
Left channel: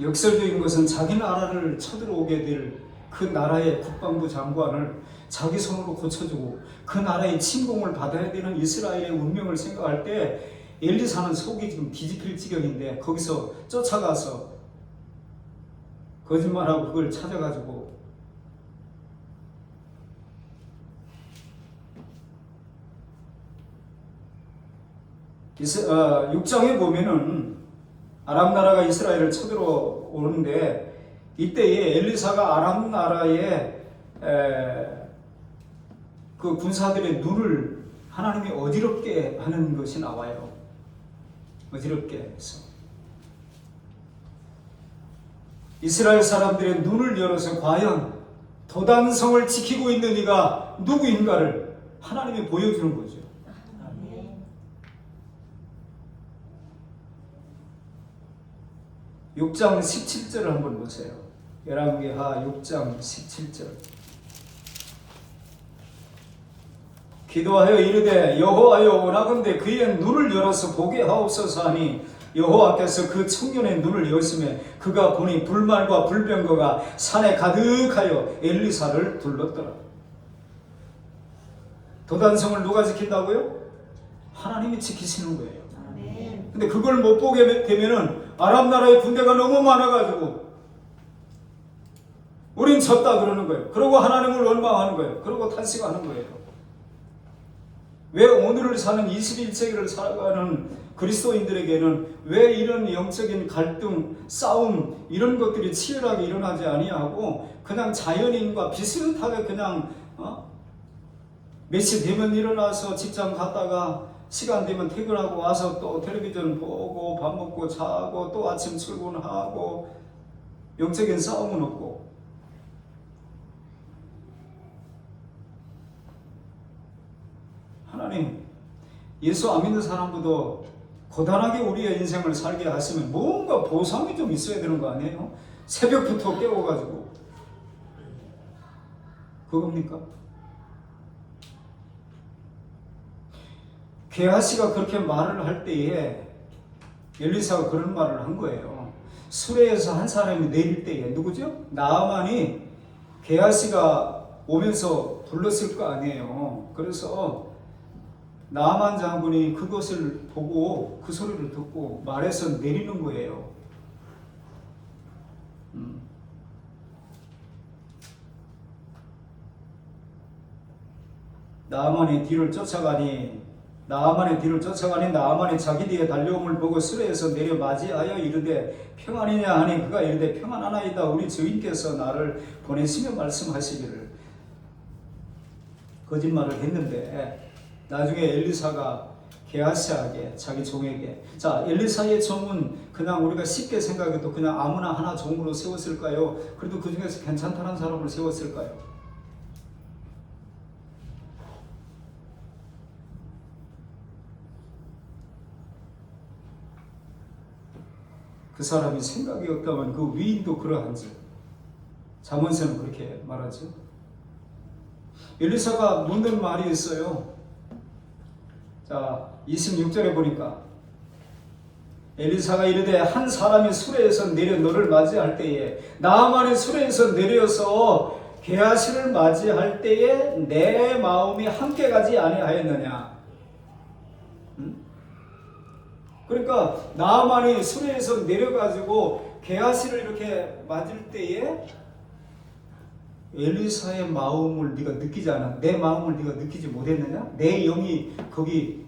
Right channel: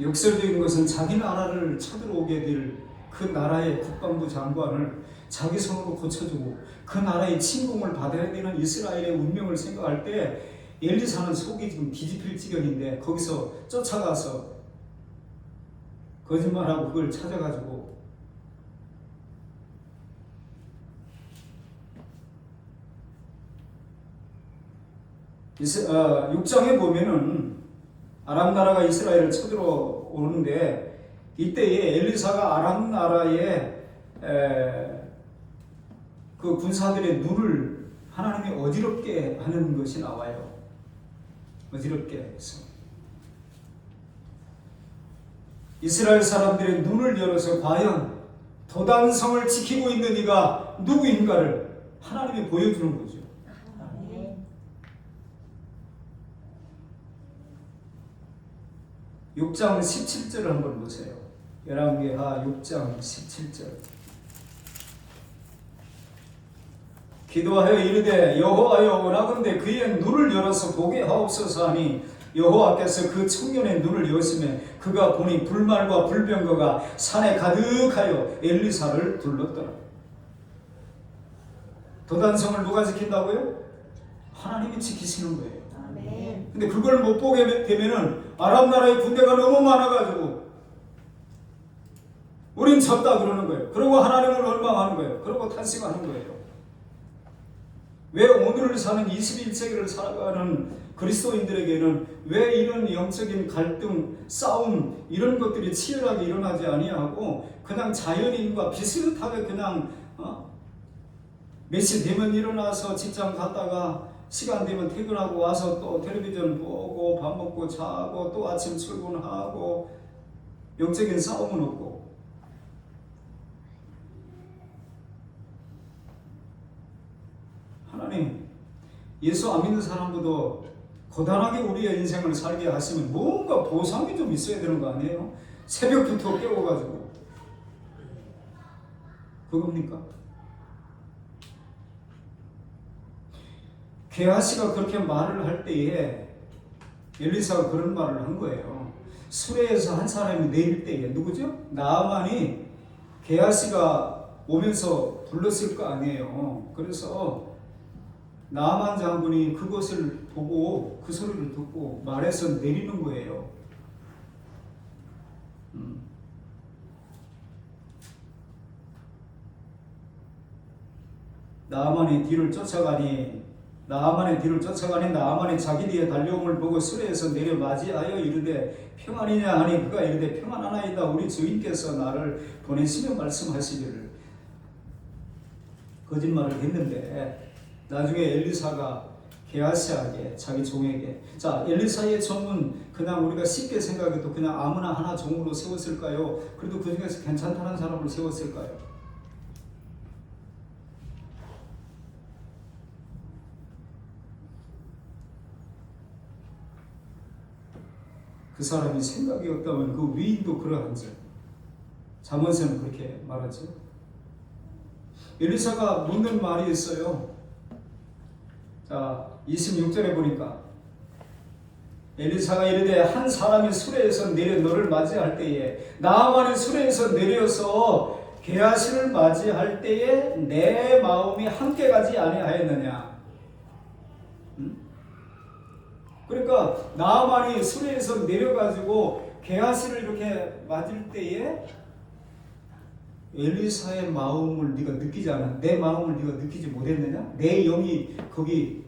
역설적인 것은 자기 나라를 쳐들어오게 될 그 나라의 국방부 장관을 자기 손으로 고쳐주고 그 나라의 침공을 받아야 되는 이스라엘의 운명을 생각할 때 엘리사는 속이 지금 뒤집힐 지경인데 거기서 쫓아가서 거짓말하고 그걸 찾아가지고 육장에 보면은 아람 나라가 이스라엘을 쳐들어오는데 이때에 엘리사가 아람 나라의 그 군사들의 눈을 하나님이 어지럽게 하는 것이 나와요. 어지럽게 해서 이스라엘 사람들의 눈을 열어서 과연 도단성을 지키고 있는 이가 누구인가를 하나님이 보여주는 거죠. 아멘. 6장 17절을 한번 보세요. 열왕기하 6장 17절. 기도하여 이르되 여호와여 원하건대 그의 눈을 열어서 보게 하옵소서 하니 여호와께서 그 청년의 눈을 여시매 그가 보니 불말과 불병거가 산에 가득하여 엘리사를 둘렀더라. 도단성을 누가 지킨다고요? 하나님이 지키시는 거예요. 아멘. 근데 그걸 못 보게 되면은 아랍 나라의 군대가 너무 많아가지고 우린 졌다 그러는 거예요. 그러고 하나님을 원망하는 거예요. 그러고 탄식하는 거예요. 왜 오늘을 사는 21세기를 살아가는 그리스도인들에게는 왜 이런 영적인 갈등, 싸움 이런 것들이 치열하게 일어나지 아니하고 그냥 자연인과 비슷하게 그냥 몇 시 되면 일어나서 직장 갔다가 시간 되면 퇴근하고 와서 또 텔레비전 보고 밥 먹고 자고 또 아침 출근하고 영적인 싸움은 없고 하나님 예수 안 믿는 사람보다 고단하게 우리의 인생을 살게 하시면 뭔가 보상이 좀 있어야 되는 거 아니에요? 새벽부터 깨워가지고 그겁니까? 게하시가 그렇게 말을 할 때에 엘리사가 그런 말을 한 거예요. 수레에서 한 사람이 내릴 때에 누구죠? 나아만이 게하시가 오면서 불렀을 거 아니에요. 그래서 나아만 장군이 그것을 보고 그 소리를 듣고 말에서 내리는 거예요. 나아만의 뒤를 쫓아가니 나아만이 자기 뒤에 달려옴을 보고 수레에서 내려 맞이하여 이르되 평안이냐 하니 그가 이르되 평안하나이다. 우리 주인께서 나를 보내시며 말씀하시기를. 거짓말을 했는데 나중에 엘리사가 게하시에게 자기 종에게 자 엘리사의 종은 그냥 우리가 쉽게 생각해도 그냥 아무나 하나 종으로 세웠을까요? 그래도 그 중에서 괜찮다는 사람을 세웠을까요? 그 사람이 생각이 없다면 그 위인도 그러한지. 잠언서는 그렇게 말하죠. 엘리사가 묻는 말이 있어요. 자 26절에 보니까 엘리사가 이르되 한 사람이 수레에서 내려 너를 맞이할 때에 나아만의 수레에서 내려서 게하시를 맞이할 때에 내 마음이 함께 가지 아니하였느냐. 그러니까 나아만이 수레에서 내려가지고 게하시를 이렇게 맞을 때에 엘리사의 마음을 네가 느끼지 않아? 내 마음을 네가 느끼지 못했느냐? 내 영이 거기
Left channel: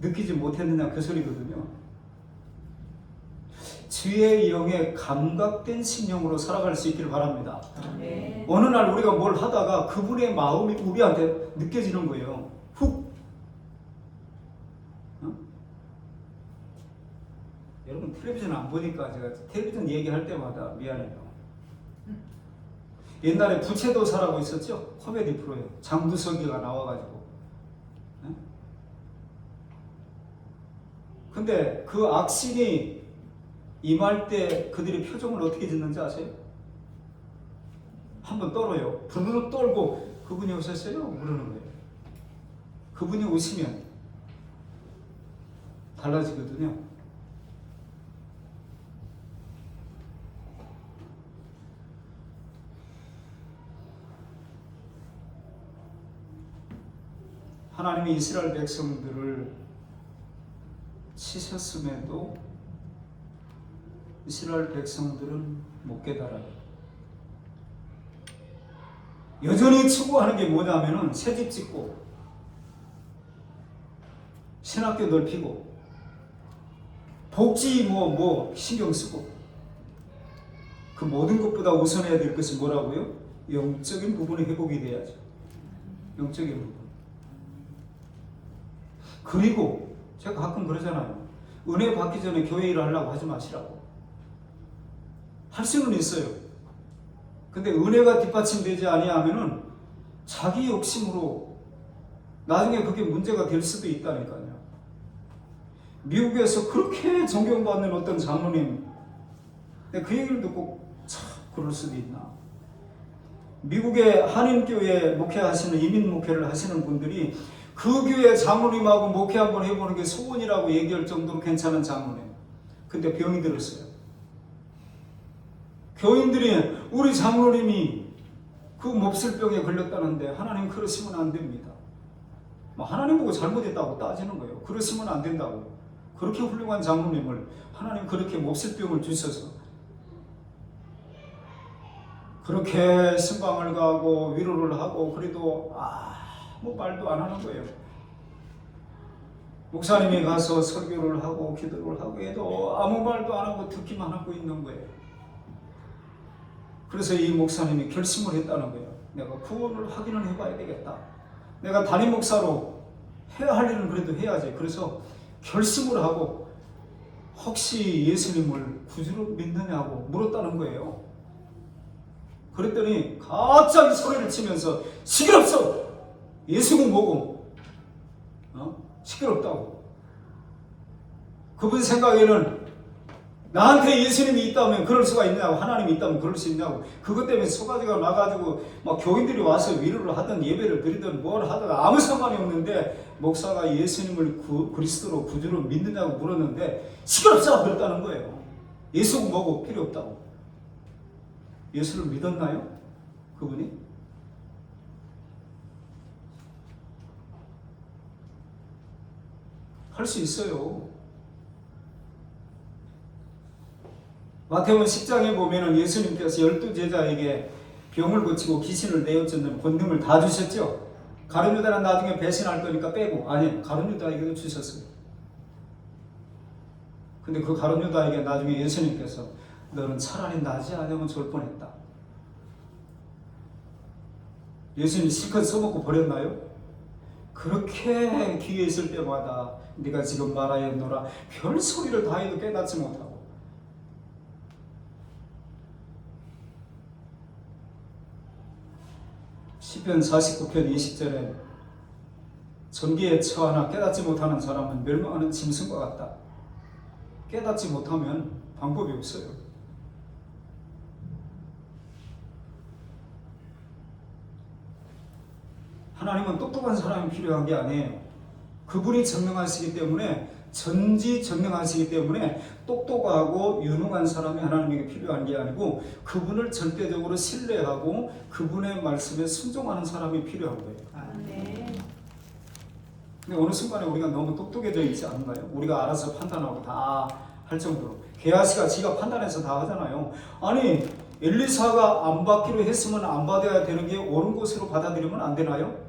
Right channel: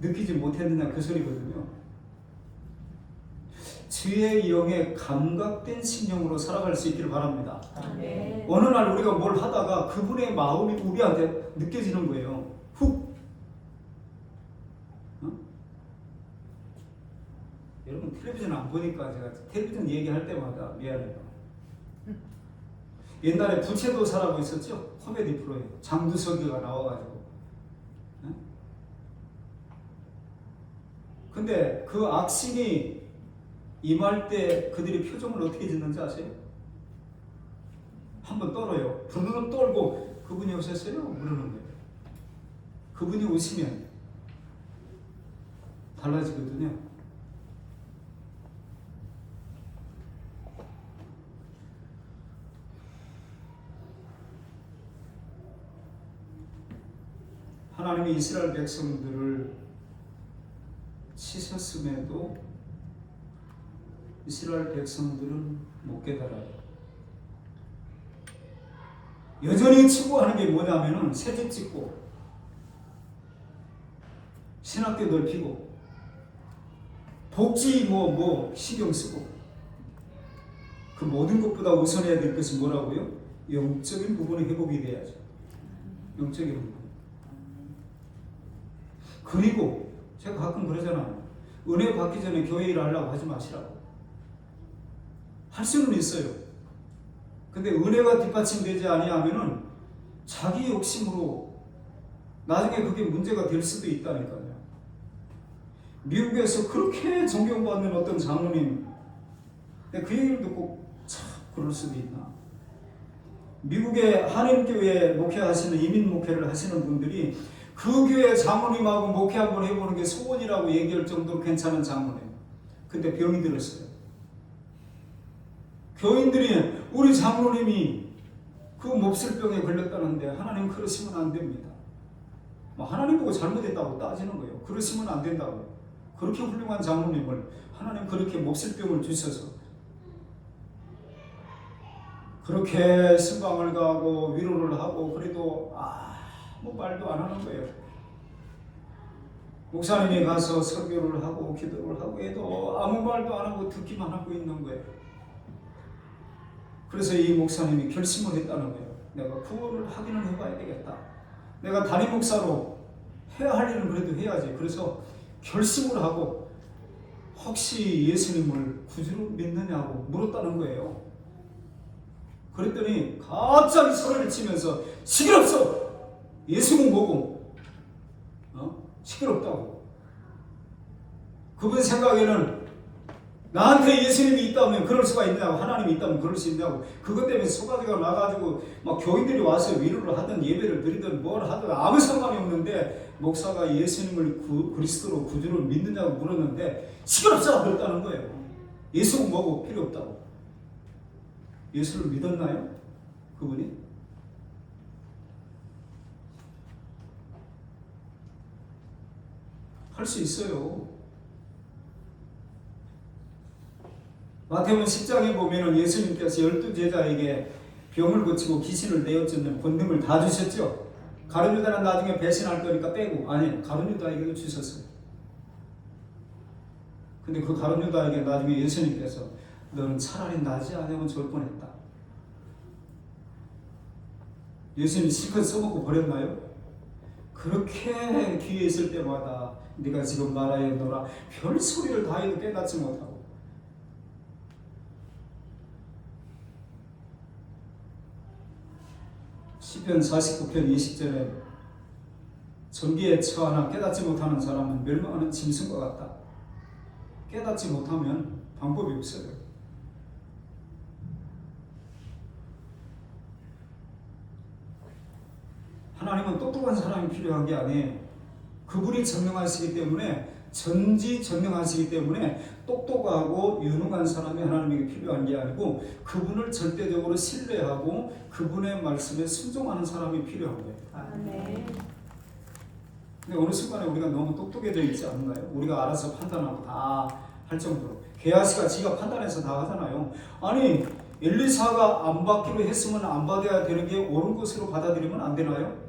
느끼지 못했느냐? 그 소리거든요. 주의 영에 감각된 심령으로 살아갈 수 있기를 바랍니다. 네. 어느 날 우리가 뭘 하다가 그분의 마음이 우리한테 느껴지는 거예요. 훅. 여러분 텔레비전 안 보니까 제가 텔레비전 얘기할 때마다 미안해요. 옛날에 부채도사라고 있었죠? 코미디 프로에 장두석이가 나와가지고. 근데 그 악신이 임할 때 그들이 표정을 어떻게 짓는지 아세요? 한번 떨어요. 부르르 떨고 그분이 오셨어요? 그러는 거예요. 그분이 오시면 달라지거든요. 하나님이 이스라엘 백성들을 치셨음에도 이스라엘 백성들은 못 깨달아요. 여전히 추구하는 게 뭐냐면은 새집 짓고 신학교 넓히고 복지 뭐 신경 쓰고 그 모든 것보다 우선해야 될 것이 뭐라고요? 영적인 부분이 회복이 돼야죠. 영적인 부분. 그리고 제가 가끔 그러잖아요. 은혜 받기 전에 교회 일 하려고 하지 마시라고. 할 수는 있어요. 근데 은혜가 뒷받침되지 아니하면은 자기 욕심으로 나중에 그게 문제가 될 수도 있다니까요. 미국에서 그렇게 존경받는 어떤 장로님, 그 얘기를 듣고 참 그럴 수도 있나. 미국의 한인교회 목회하시는, 이민 목회를 하시는 분들이 그 교회 장로님하고 목회 한번 해보는 게 소원이라고 얘기할 정도로 괜찮은 장로님. 근데 병이 들었어요. 교인들이 우리 장로님이 그 몹쓸병에 걸렸다는데 하나님 그러시면 안 됩니다. 하나님 보고 잘못했다고 따지는 거예요. 그러시면 안 된다고. 그렇게 훌륭한 장로님을 하나님 그렇게 몹쓸병을 주셔서 그렇게 신방을 가고 위로를 하고 그래도 아무 말도 안 하는 거예요. 목사님이 가서 설교를 하고 기도를 하고 해도 아무 말도 안 하고 듣기만 하고 있는 거예요. 그래서 이 목사님이 결심을 했다는 거예요. 내가 구원을 확인을 해봐야 되겠다. 내가 담임 목사로 해야 할 일은 그래도 해야지. 그래서 결심을 하고 혹시 예수님을 구주로 믿느냐고 물었다는 거예요. 그랬더니 갑자기 소리를 치면서 시끄럽소! 예수는 뭐고? 시끄럽다고. 그분 생각에는 나한테 예수님이 있다면 그럴 수가 있냐고, 하나님이 있다면 그럴 수 있냐고. 그것 때문에 소가지가 나가지고 막 교인들이 와서 위로를 하든 예배를 드리든 뭘 하든 아무 상관이 없는데 목사가 예수님을 그리스도로 구주로 믿느냐고 물었는데 시끄럽소! 그랬다는 거예요. 예수는 뭐고 필요 없다고. 예수를 믿었나요? 그분이? 할 수 있어요. 마태복음 10장에 보면 예수님께서 12제자에게 병을 고치고 귀신을 내어쫓는 권능을 다 주셨죠. 가룟 유다는 나중에 배신할 거니까 빼고, 아니 가룟 유다에게도 주셨어요. 근데 그 가룟 유다에게 나중에 예수님께서 너는 차라리 나지 않으면 좋을 뻔했다. 예수님이 실컷 써먹고 버렸나요? 그렇게 기회 있을 때마다 네가 지금 말하였노라 별 소리를 다 해도 깨닫지 못하고 시편 49편 20절에 전기에 처하나 깨닫지 못하는 사람은 멸망하는 짐승과 같다. 깨닫지 못하면 방법이 없어요. 하나님은 똑똑한 사람이 필요한 게 아니에요. 그분이 전능하시기 때문에 전지전능하시기 때문에 똑똑하고 유능한 사람이 하나님에게 필요한 게 아니고 그분을 절대적으로 신뢰하고 그분의 말씀에 순종하는 사람이 필요한 거예요. 네. 근데 어느 순간에 우리가 너무 똑똑해져 있지 않은가요? 우리가 알아서 판단하고 다 할 정도로. 게하시가 지가 판단해서 다 하잖아요. 아니 엘리사가 안 받기로 했으면 안 받아야 되는 게 옳은 것으로 받아들이면 안 되나요?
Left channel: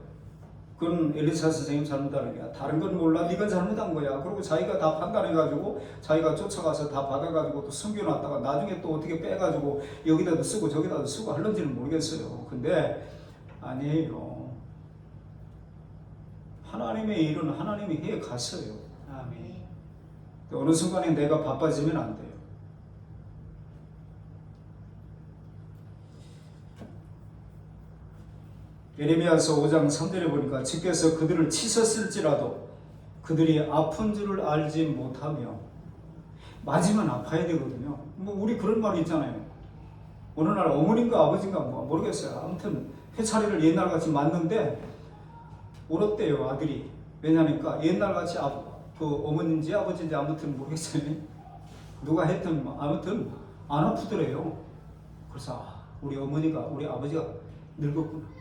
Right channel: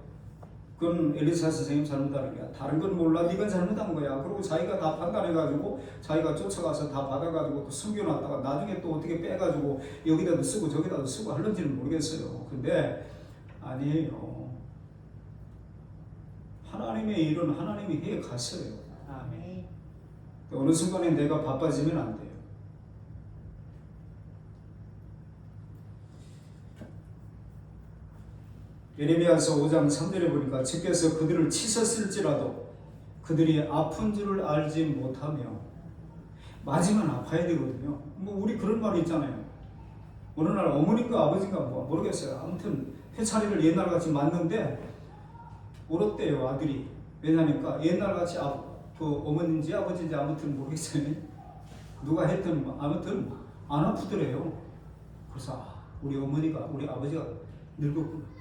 그건 엘리사 선생님 잘못하는 거야. 다른 건 몰라. 네가 잘못한 거야. 그리고 자기가 다 판단해가지고 자기가 쫓아가서 다 받아가지고 또 숨겨놨다가 나중에 또 어떻게 빼가지고 여기다도 쓰고 저기다도 쓰고 하는지는 모르겠어요. 근데 아니에요. 하나님의 일은 하나님이 해 가셔요. 아멘. 어느 순간에 내가 바빠지면 안 돼요. 예레미야서 5장 3절에 보니까 주께서 그들을 치셨을지라도 그들이 아픈 줄을 알지 못하며 맞으면 아파야 되거든요. 우리 그런 말이 있잖아요. 어느 날 어머님과 아버지인가 모르겠어요. 아무튼 회차리를 옛날같이 맞는데 울었대요 아들이. 왜냐니까 옛날같이 그 어머니인지 아버지인지 아무튼 모르겠어요. 누가 했든 아무튼 안 아프더래요. 그래서 우리 어머니가 우리 아버지가 늙었구나.